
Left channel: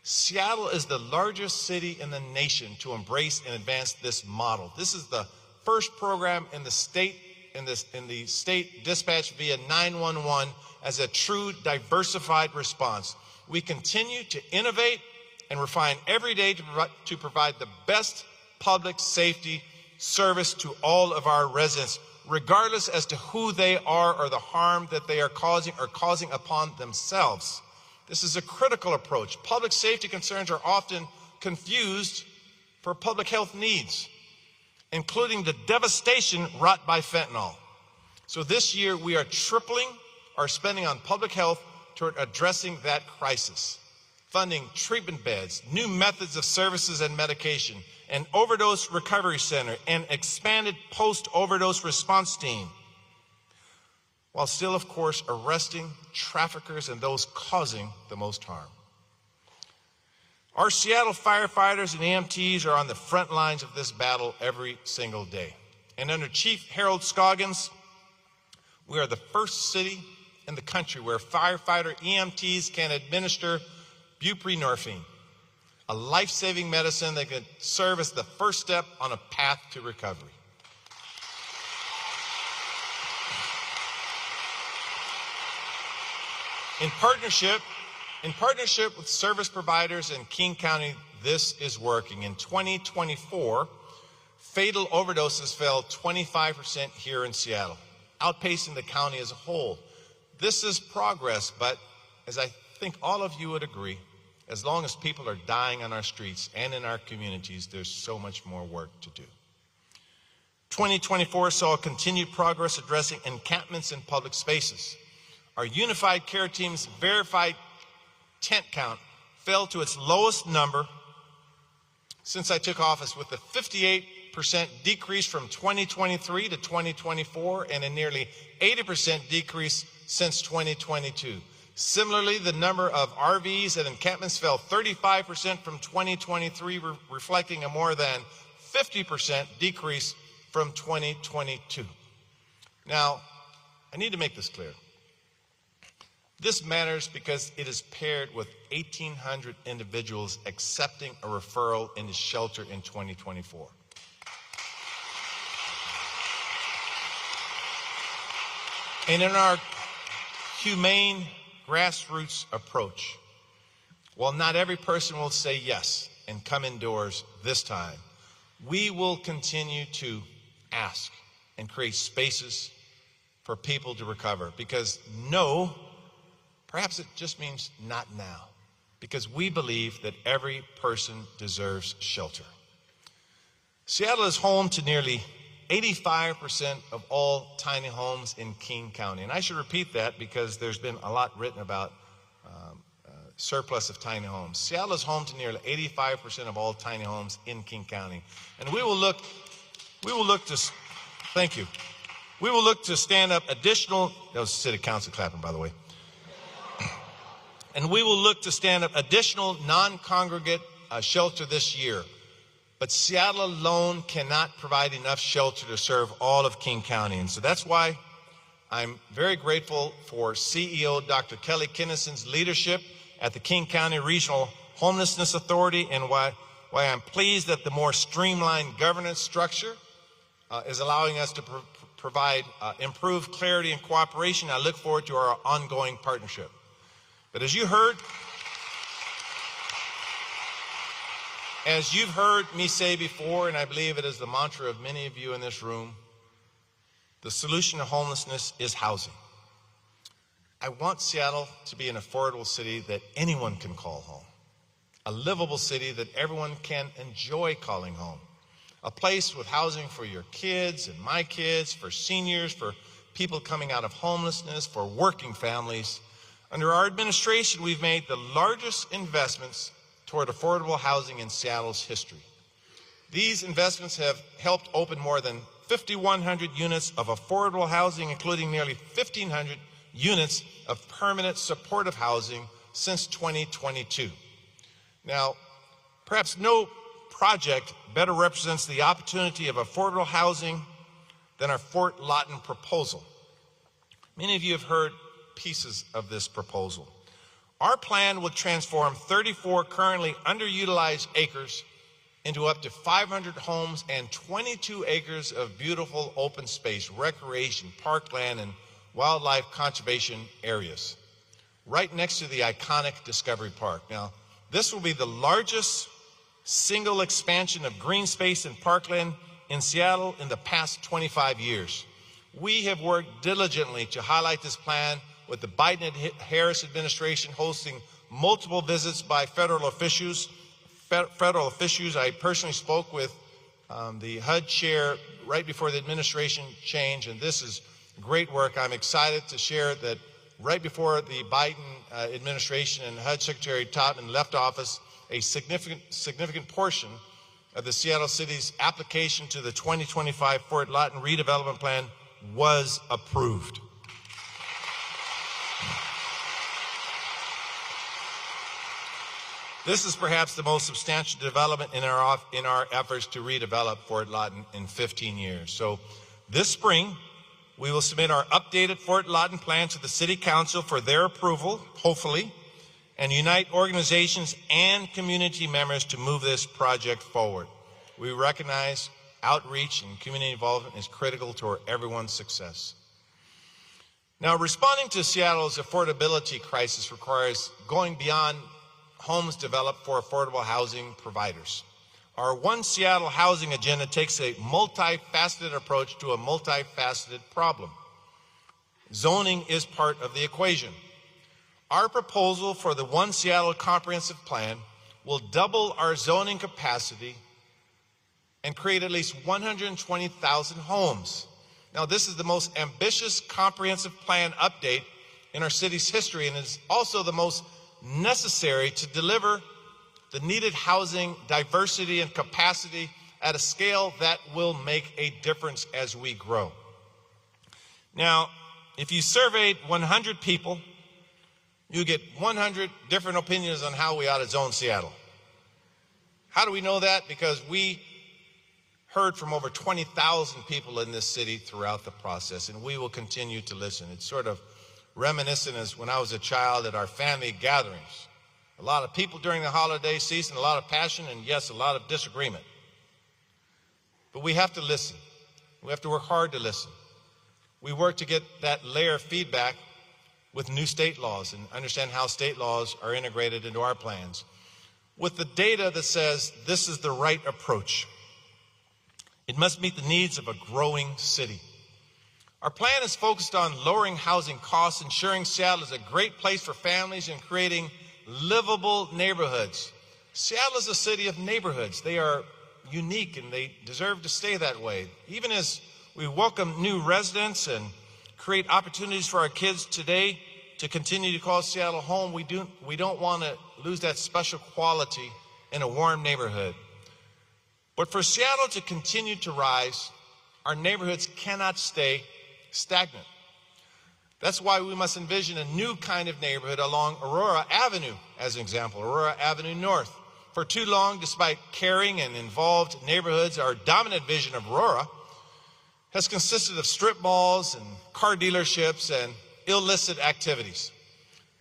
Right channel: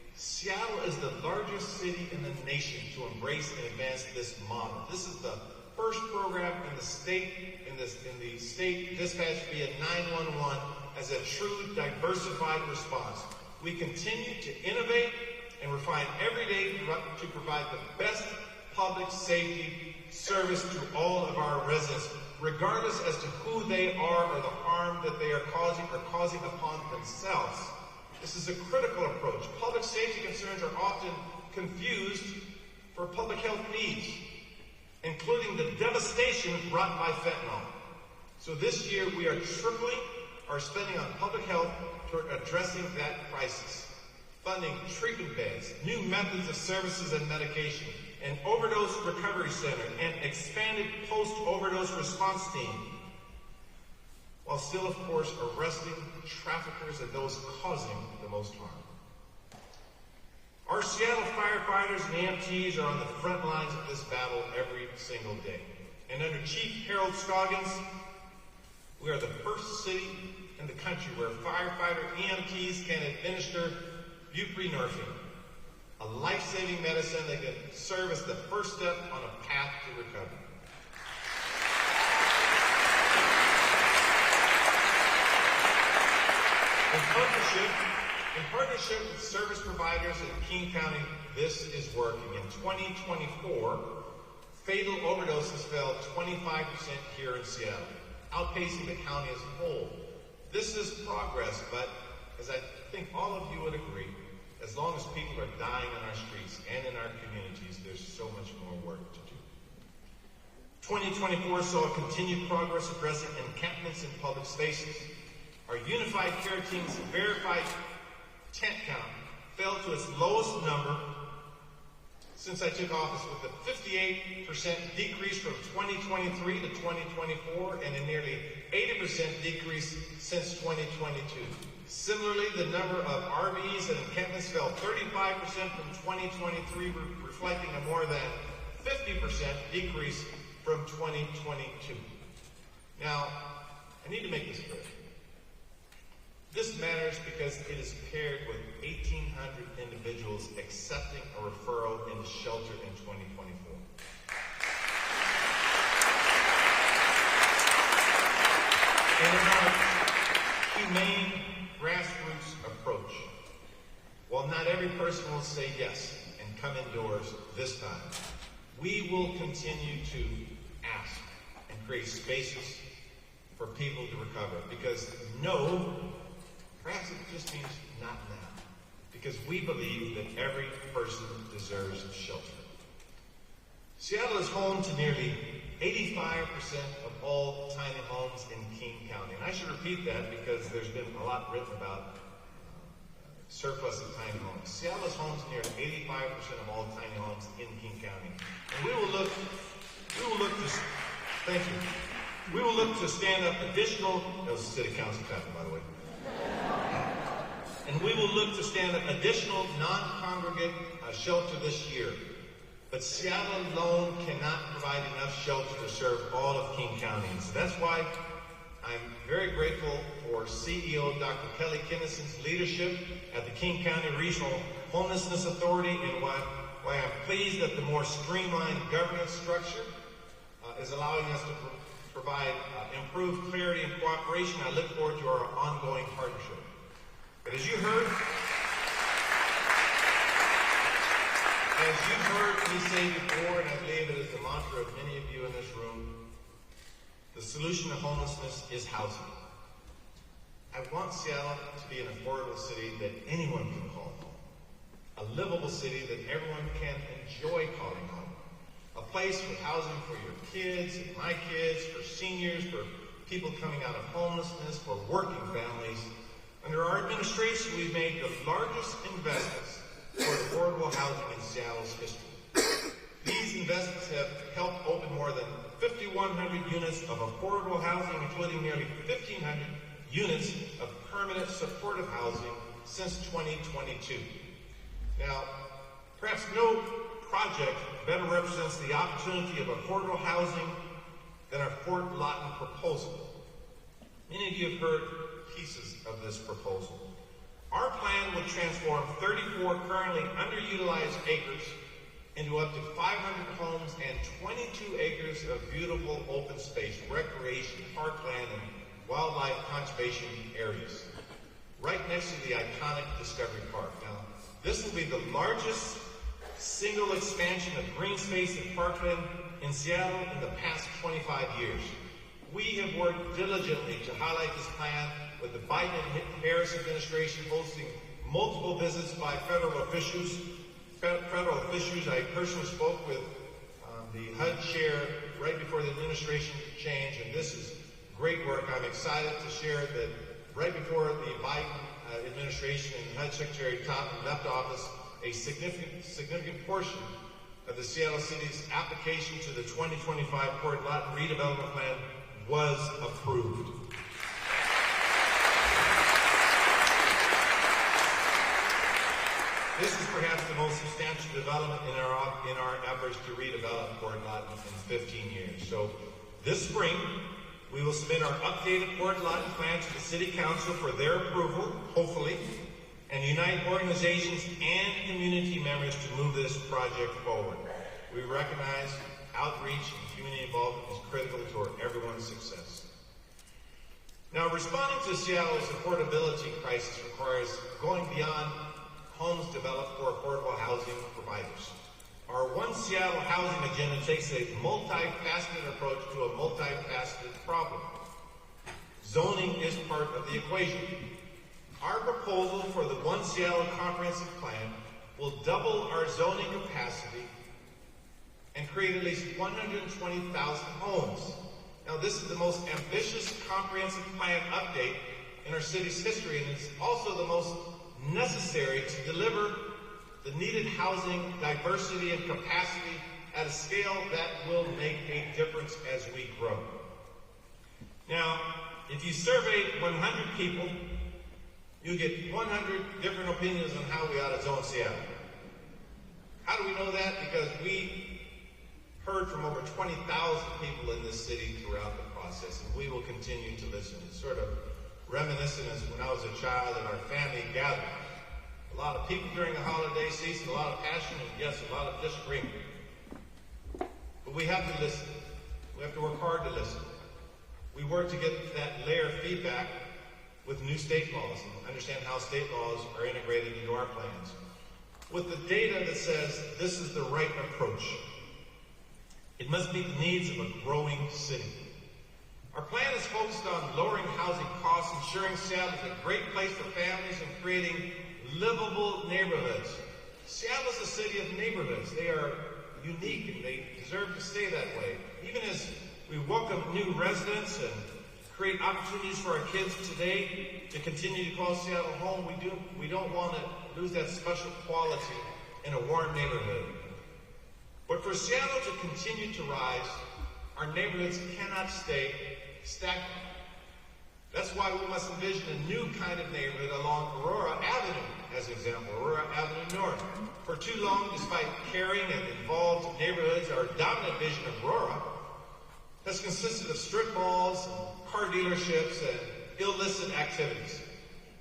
Seattle is the largest city in the nation to embrace and advance this model. This is the first program in the state dispatch via 911 as a true diversified response. We continue to innovate and refine every day to provide the best public safety service to all of our residents, regardless as to who they are or the harm that they are causing upon themselves. This is a critical approach. Public safety concerns are often confused for public health needs, including the devastation wrought by fentanyl. So this year we are tripling our spending on public health toward addressing that crisis, funding treatment beds, new methods of services and medication, an overdose recovery center, and expanded post-overdose response team, while still, of course, arresting traffickers and those causing the most harm. Our Seattle firefighters and EMTs are on the front lines of this battle every single day. And under Chief Harold Scoggins, we are the first city in the country where firefighter EMTs can administer buprenorphine, a life-saving medicine that can serve as the first step on a path to recovery. In partnership with service providers in King County, this is working. In 2024, fatal overdoses fell 25% here in Seattle, outpacing the county as a whole. This is progress, but as I think all of you would agree, as long as people are dying on our streets and in our communities, there's so much more work to do. 2024 saw continued progress addressing encampments in public spaces. Our unified care team's verified tent count fell to its lowest number since I took office, with a 58% decrease from 2023 to 2024 and a nearly 80% decrease since 2022. Similarly, the number of RVs and encampments fell 35% from 2023, reflecting a more than 50% decrease from 2022. Now, I need to make this clear. This matters because it is paired with 1,800 individuals accepting a referral in a shelter in 2024. And in our humane grassroots approach, while not every person will say yes and come indoors this time, we will continue to ask and create spaces for people to recover, because no, perhaps it just means not now, because we believe that every person deserves shelter. Seattle is home to nearly 85% of all tiny homes in King County. And I should repeat that because there's been a lot written about surplus of tiny homes. Seattle is home to nearly 85% of all tiny homes in King County. And we will look to, thank you. We will look to stand up additional, that was City Council clapping, by the way. And we will look to stand up additional non-congregate shelter this year. But Seattle alone cannot provide enough shelter to serve all of King County. And so that's why I'm very grateful for CEO Dr. Kelly Kinnison's leadership at the King County Regional Homelessness Authority, and why I'm pleased that the more streamlined governance structure is allowing us to provide improved clarity and cooperation. I look forward to our ongoing partnership. But as you've heard me say before, and I believe it is the mantra of many of you in this room, the solution to homelessness is housing. I want Seattle to be an affordable city that anyone can call home, a livable city that everyone can enjoy calling home, a place with housing for your kids and my kids, for seniors, for people coming out of homelessness, for working families. Under our administration, we've made the largest investments toward affordable housing in Seattle's history. These investments have helped open more than 5,100 units of affordable housing, including nearly 1,500 units of permanent supportive housing since 2022. Now, perhaps no project better represents the opportunity of affordable housing than our Fort Lawton proposal. Many of you have heard pieces of this proposal. Our plan would transform 34 currently underutilized acres into up to 500 homes and 22 acres of beautiful open space, recreation, parkland, and wildlife conservation areas, right next to the iconic Discovery Park. Now, this will be the largest single expansion of green space and parkland in Seattle in the past 25 years. We have worked diligently to highlight this plan with the Biden and Harris administration hosting multiple visits by federal officials. I personally spoke with the HUD chair right before the administration change, and this is great work. I'm excited to share that right before the Biden administration and HUD Secretary Totten left office, a significant portion of the Seattle City's application to the 2025 Fort Lawton redevelopment plan was approved. This is perhaps the most substantial development in our efforts to redevelop Fort Lawton in 15 years. So this spring, we will submit our updated Fort Lawton plan to the City Council for their approval, hopefully, and unite organizations and community members to move this project forward. We recognize outreach and community involvement is critical to everyone's success. Now, responding to Seattle's affordability crisis requires going beyond homes developed for affordable housing providers. Our One Seattle housing agenda takes a multifaceted approach to a multifaceted problem. Zoning is part of the equation. Our proposal for the One Seattle Comprehensive Plan will double our zoning capacity and create at least 120,000 homes. Now, this is the most ambitious comprehensive plan update in our city's history, and it's also the most necessary to deliver the needed housing, diversity, and capacity at a scale that will make a difference as we grow. Now, if you surveyed 100 people, you get 100 different opinions on how we ought to zone Seattle. How do we know that? Because we heard from over 20,000 people in this city throughout the process, and we will continue to listen. It's sort of reminiscent as when I was a child at our family gatherings. A lot of people during the holiday season, a lot of passion, and yes, a lot of disagreement. But we have to listen. We have to work hard to listen. We work to get that layer of feedback with new state laws and understand how state laws are integrated into our plans, with the data that says this is the right approach. It must meet the needs of a growing city. Our plan is focused on lowering housing costs, ensuring Seattle is a great place for families, and creating livable neighborhoods. Seattle is a city of neighborhoods. They are unique and they deserve to stay that way. Even as we welcome new residents and create opportunities for our kids today to continue to call Seattle home, we don't want to lose that special quality in a warm neighborhood. But for Seattle to continue to rise, our neighborhoods cannot stay stagnant. That's why we must envision a new kind of neighborhood along Aurora Avenue, as an example, Aurora Avenue North. For too long, despite caring and involved neighborhoods, our dominant vision of Aurora has consisted of strip malls and car dealerships and illicit activities.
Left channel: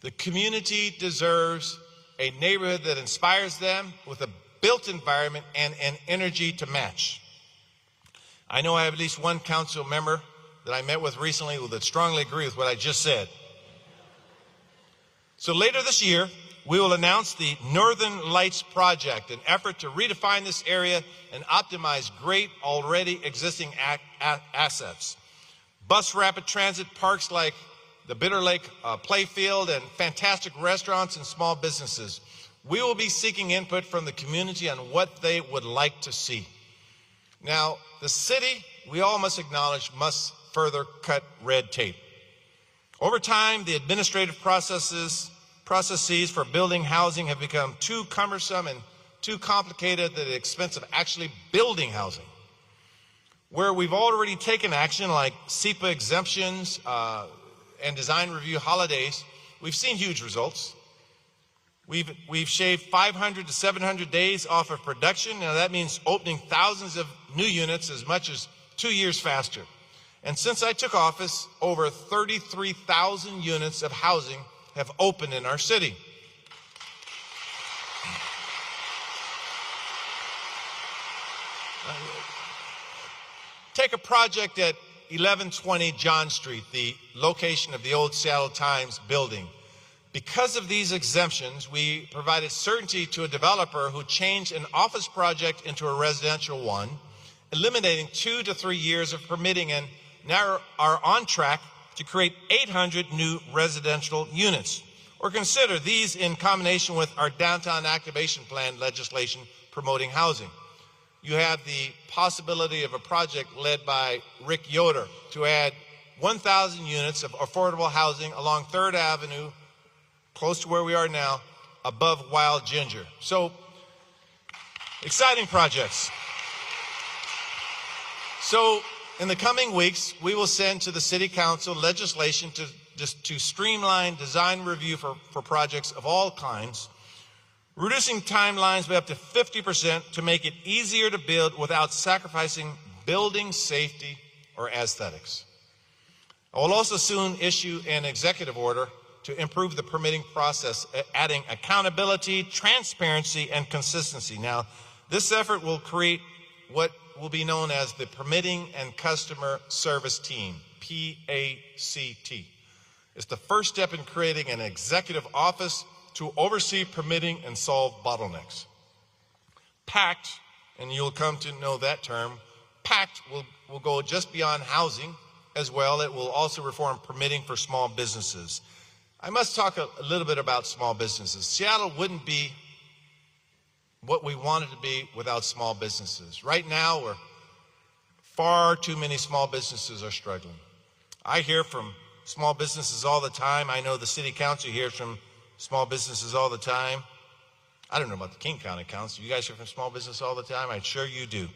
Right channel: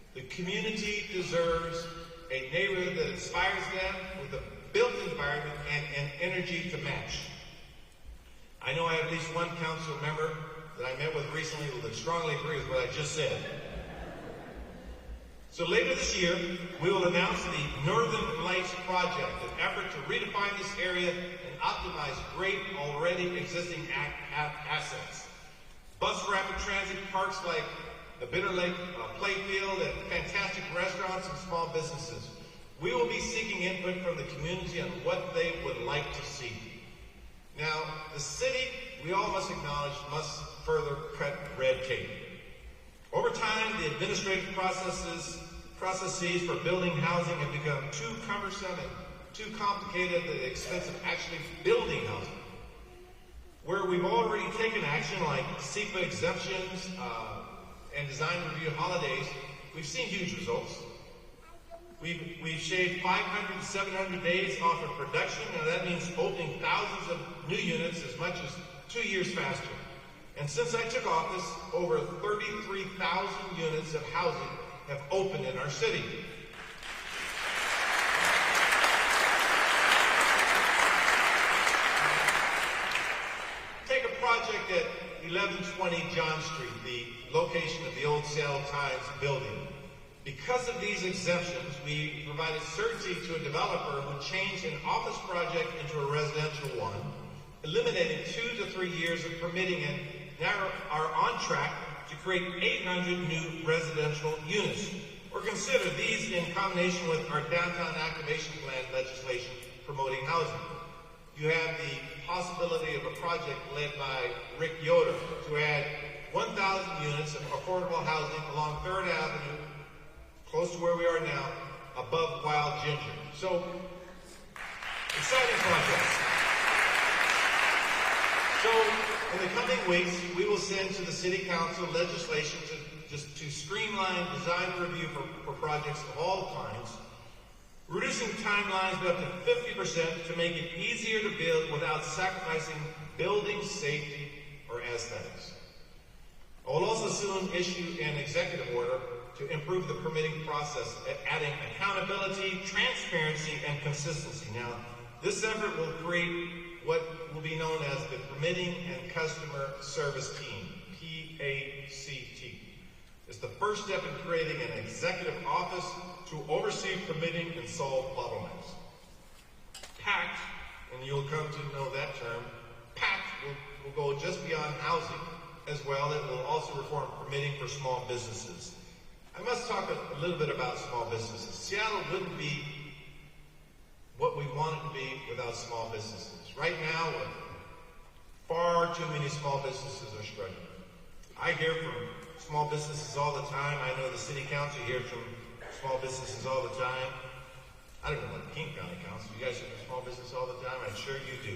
The community deserves a neighborhood that inspires them with a built environment and an energy to match. I know I have at least one council member that I met with recently who would strongly agree with what I just said. So later this year, we will announce the Northern Lights Project, an effort to redefine this area and optimize great already existing assets. Bus rapid transit parks like the Bitter Lake Playfield and fantastic restaurants and small businesses. We will be seeking input from the community on what they would like to see. Now, the city, we all must acknowledge, must further cut red tape. Over time, the administrative processes for building housing have become too cumbersome and too complicated at the expense of actually building housing. Where we've already taken action, like SEPA exemptions and design review holidays, we've seen huge results. We've shaved 500 to 700 days off of production. Now that means opening thousands of new units as much as 2 years faster. And since I took office, over 33,000 units of housing have opened in our city. Take a project at 1120 John Street, the location of the old Seattle Times building. Because of these exemptions, we provided certainty to a developer who changed an office project into a residential one, eliminating 2 to 3 years of permitting, and now are on track to create 800 new residential units. Or consider these in combination with our downtown activation plan legislation promoting housing. You have the possibility of a project led by Rick Yoder to add 1,000 units of affordable housing along 3rd Avenue, close to where we are now, above Wild Ginger. So, exciting projects. So, in the coming weeks, we will send to the City Council legislation to streamline design review for projects of all kinds, reducing timelines by up to 50% to make it easier to build without sacrificing building safety or aesthetics. I will also soon issue an executive order to improve the permitting process, adding accountability, transparency, and consistency. Now, this effort will create what will be known as the Permitting and Customer Service Team, PACT. It's the first step in creating an executive office to oversee permitting and solve bottlenecks. PACT, and you'll come to know that term, PACT will go just beyond housing as well. It will also reform permitting for small businesses. I must talk a little bit about small businesses. Seattle wouldn't be what we want it to be without small businesses. Right now, far too many small businesses are struggling. I hear from small businesses all the time. I know the City Council hears from small businesses all the time. I don't know about the King County Council. You guys hear from small business all the time? I'm sure you do.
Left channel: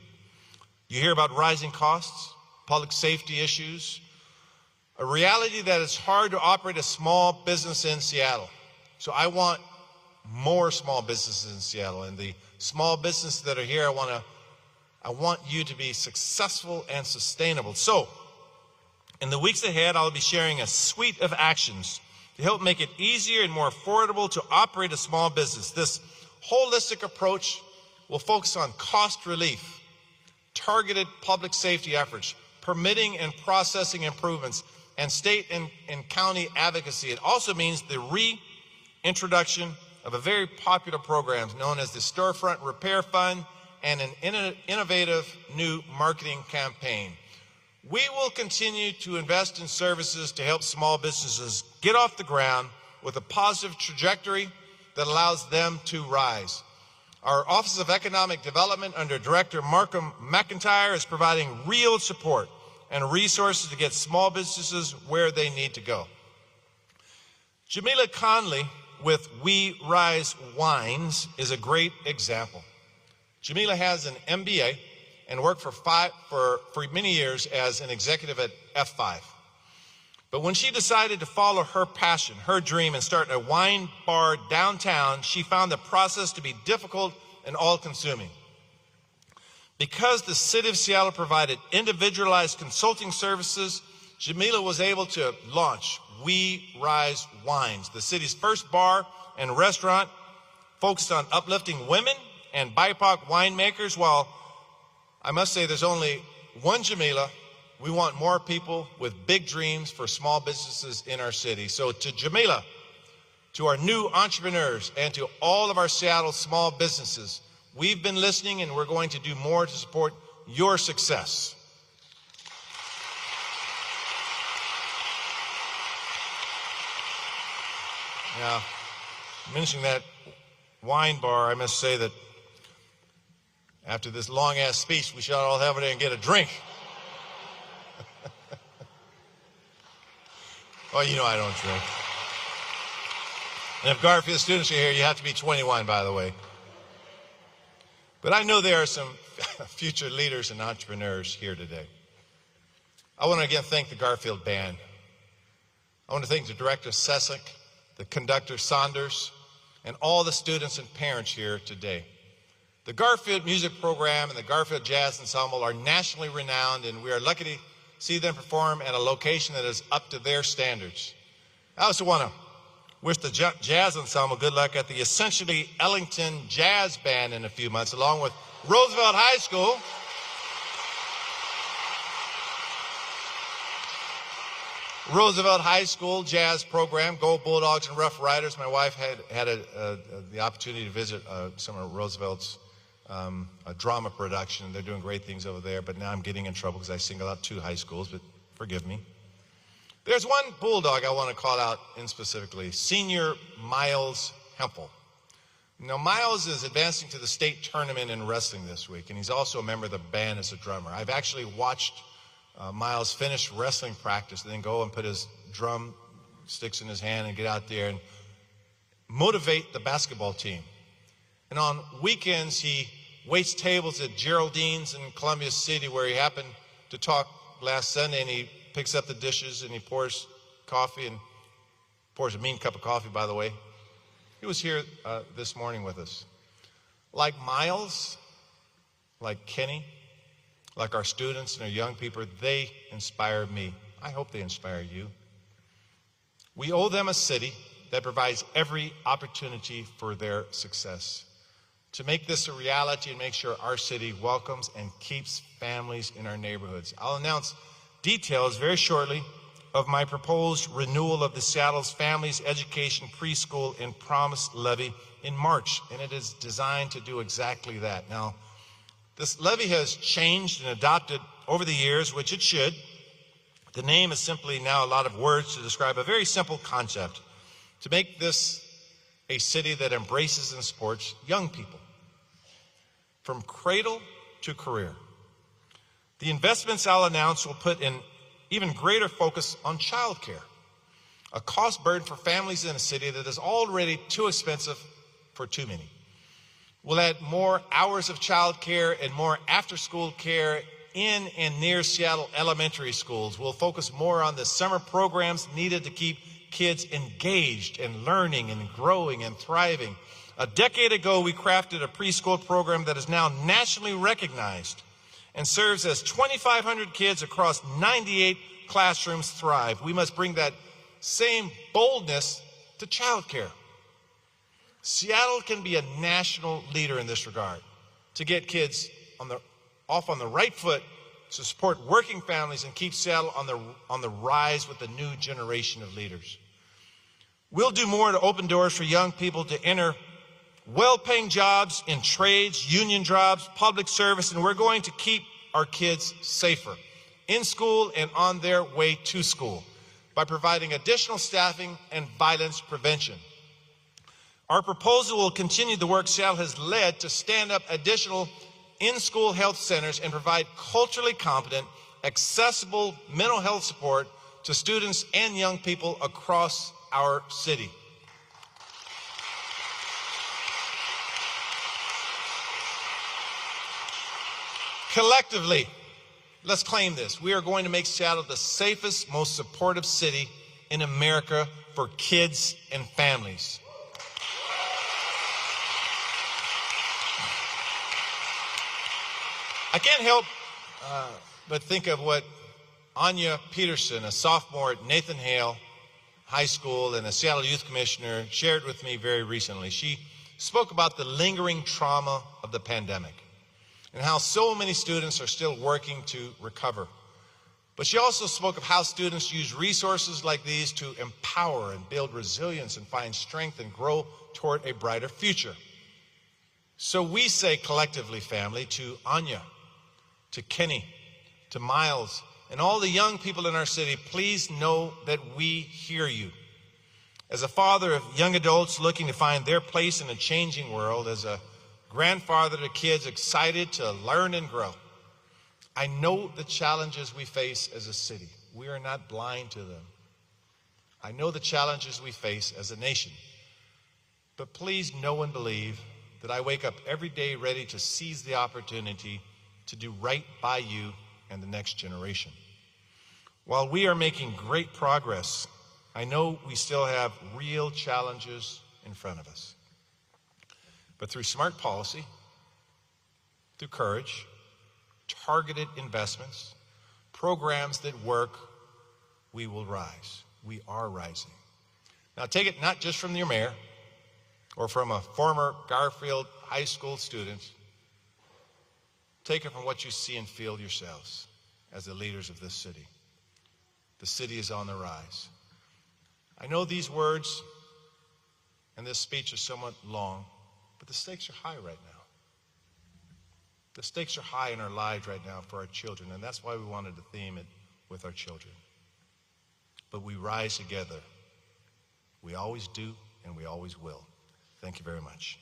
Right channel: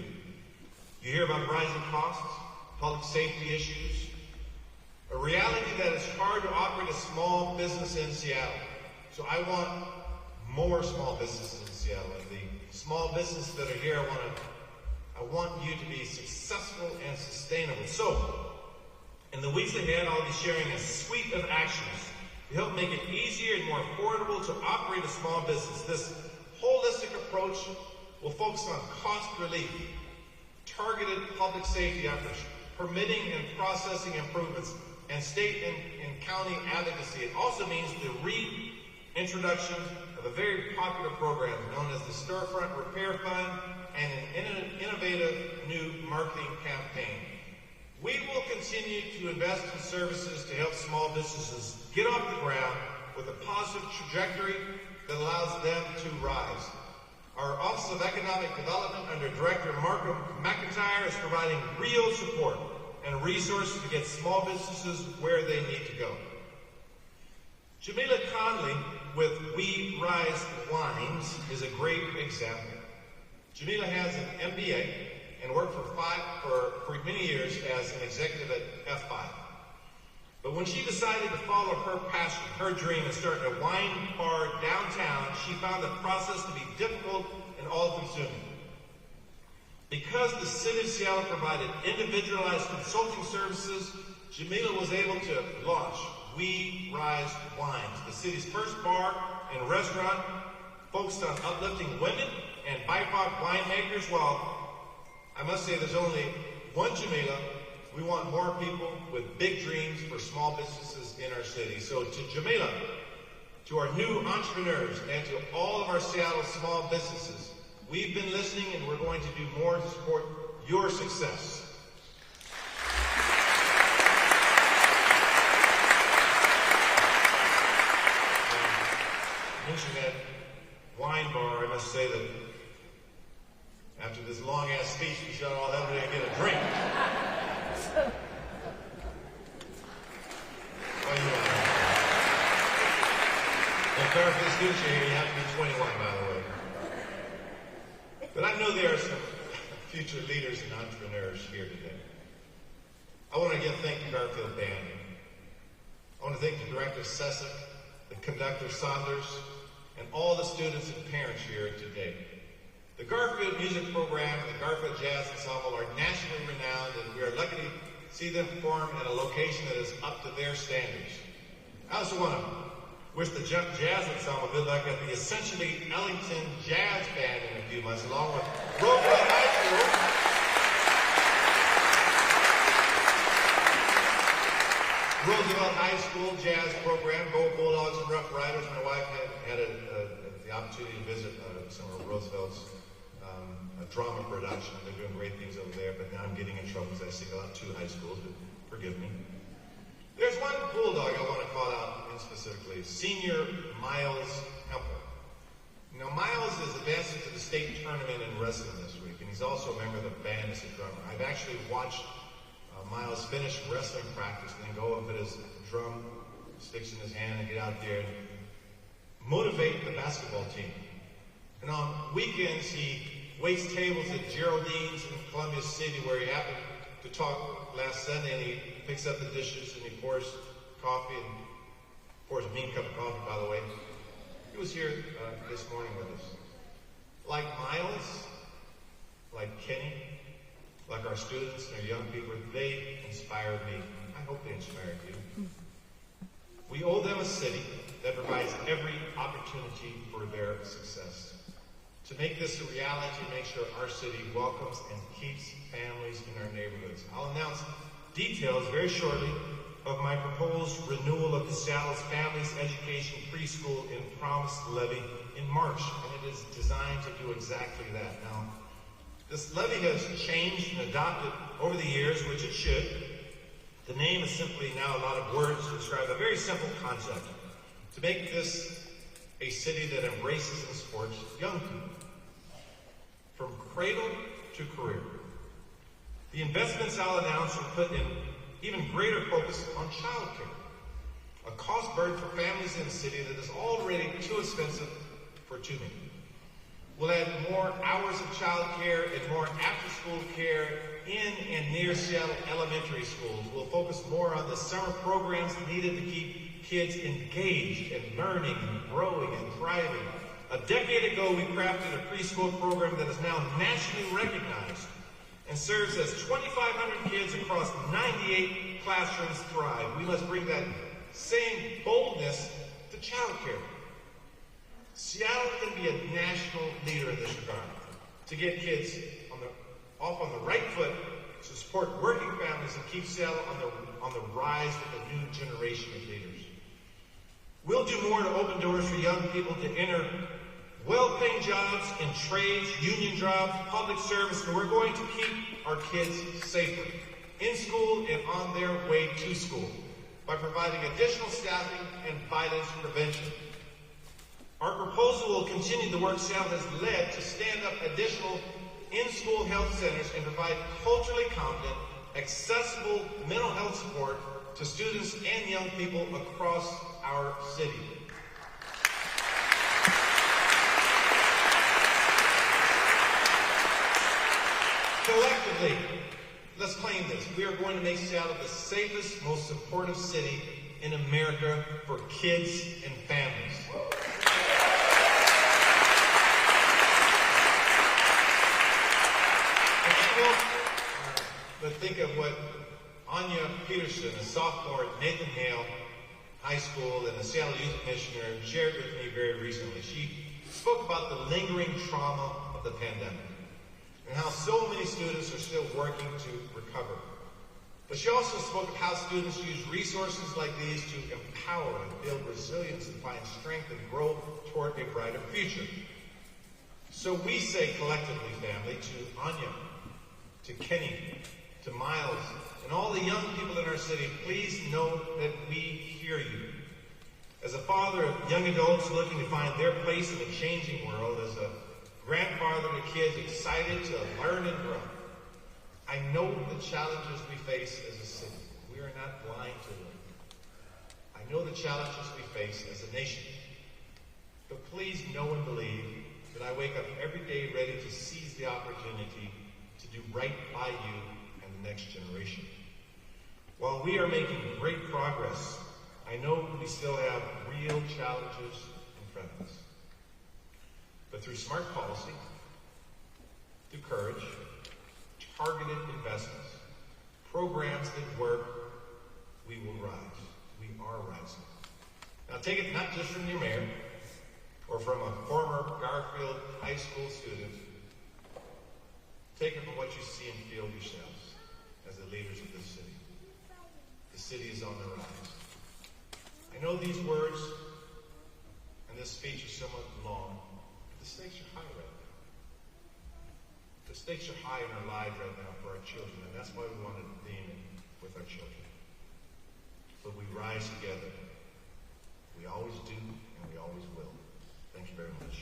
You hear about rising costs, public safety issues, a reality that it's hard to operate a small business in Seattle. So I want more small businesses in Seattle, and the small businesses that are here, I want you to be successful and sustainable. So, in the weeks ahead, I'll be sharing a suite of actions to help make it easier and more affordable to operate a small business. This holistic approach will focus on cost relief, targeted public safety efforts, permitting and processing improvements, and state and county advocacy. It also means the reintroduction of a very popular program known as the Storefront Repair Fund and an innovative new marketing campaign. We will continue to invest in services to help small businesses get off the ground with a positive trajectory that allows them to rise. Our Office of Economic Development under Director Markham McIntyre is providing real support and resources to get small businesses where they need to go. Jamila Conley with We Rise Wines is a great example. Jamila has an MBA and worked for many years as an executive at F5. But when she decided to follow her passion, her dream, and start a wine bar downtown, she found the process to be difficult and all-consuming. Because the City of Seattle provided individualized consulting services, Jamila was able to launch We Rise Wines, the city's first bar and restaurant focused on uplifting women and BIPOC winemakers. While I must say there's only one Jamila, we want more people with big dreams for small businesses in our city. So to Jamila, to our new entrepreneurs, and to all of our Seattle small businesses, we've been listening and we're going to do more to support your success. Now, mentioning that wine bar, I must say that after this long-ass speech, we should all have it and get a drink. Well, you know I don't drink. And if Garfield students are here, you have to be 21, by the way. But I know there are some future leaders and entrepreneurs here today. I want to again thank the Garfield Band. I want to thank the director Sessick, the conductor Saunders, and all the students and parents here today. The Garfield Music Program and the Garfield Jazz Ensemble are nationally renowned, and we are lucky to see them perform at a location that is up to their standards. I also want to wish the Jazz Ensemble good luck at the essentially Ellington Jazz Band in a few months, along with Roosevelt High School. Roosevelt High School Jazz Program, Go Bulldogs and Rough Riders. My wife had the opportunity to visit some of Roosevelt's drama production. They're doing great things over there, but now I'm getting in trouble because I single out two high schools, but forgive me. There's one Bulldog I want to call out in specifically, Senior Miles Hempel. Now, Miles is advancing to the state tournament in wrestling this week, and he's also a member of the band as a drummer. I've actually watched Miles finish wrestling practice and then go and put his drum sticks in his hand and get out there and motivate the basketball team. And on weekends, he waits tables at Geraldine's in Columbia City, where he happened to talk last Sunday, and he picks up the dishes and he pours coffee, and pours a mean cup of coffee, by the way. He was here this morning with us. Like Miles, like Kenny, like our students and our young people, they inspired me. I hope they inspire you. We owe them a city that provides every opportunity for their success. To make this a reality, make sure our city welcomes and keeps families in our neighborhoods. I'll announce details very shortly of my proposed renewal of the Seattle's Families Education Preschool and Promise Levy in March, and it is designed to do exactly that. Now, this levy has changed and adopted over the years, which it should. The name is simply now a lot of words to describe a very simple concept: to make this a city that embraces and supports young people from cradle to career. The investments I'll announce will put an even greater focus on childcare, a cost burden for families in the city that is already too expensive for too many. We'll add more hours of childcare and more after-school care in and near Seattle elementary schools. We'll focus more on the summer programs needed to keep kids engaged and learning and growing and thriving. A decade ago, we crafted a preschool program that is now nationally recognized and serves as 2,500 kids across 98 classrooms thrive. We must bring that same boldness to childcare. Seattle can be a national leader in this regard, to get kids off on the right foot, to support working families and keep Seattle on the rise with a new generation of leaders. We'll do more to open doors for young people to enter well-paying jobs in trades, union jobs, public service, and we're going to keep our kids safer in school and on their way to school by providing additional staffing and violence prevention. Our proposal will continue the work Seattle has led to stand up additional in-school health centers and provide culturally competent, accessible mental health support to students and young people across our city. Collectively, let's claim this. We are going to make Seattle the safest, most supportive city in America for kids and families. I can't help but think of what Anya Peterson, a sophomore at Nathan Hale High School and the Seattle Youth Commissioner, shared with me very recently. She spoke about the lingering trauma of the pandemic and how so many students are still working to recover. But she also spoke of how students use resources like these to empower and build resilience and find strength and grow toward a brighter future. So we say collectively, family, to Anya, to Kenny, to Miles, and all the young people in our city, please know that we hear you. As a father of young adults looking to find their place in a changing world, as a grandfather to kids excited to learn and grow, I know the challenges we face as a city. We are not blind to them. I know the challenges we face as a nation. But please know and believe that I wake up every day ready to seize the opportunity to do right by you and the next generation. While we are making great progress, I know we still have real challenges in front of us. But through smart policy, through courage, targeted investments, programs that work, we will rise. We are rising. Now take it not just from your mayor or from a former Garfield High School student. Take it from what you see and feel yourselves as the leaders of this city. The city is on the rise. I know these words and this speech is somewhat long, but the stakes are high right now. The stakes are high in our lives right now for our children, and that's why we wanted to theme it with our children. But we rise together. We always do, and we always will. Thank you very much.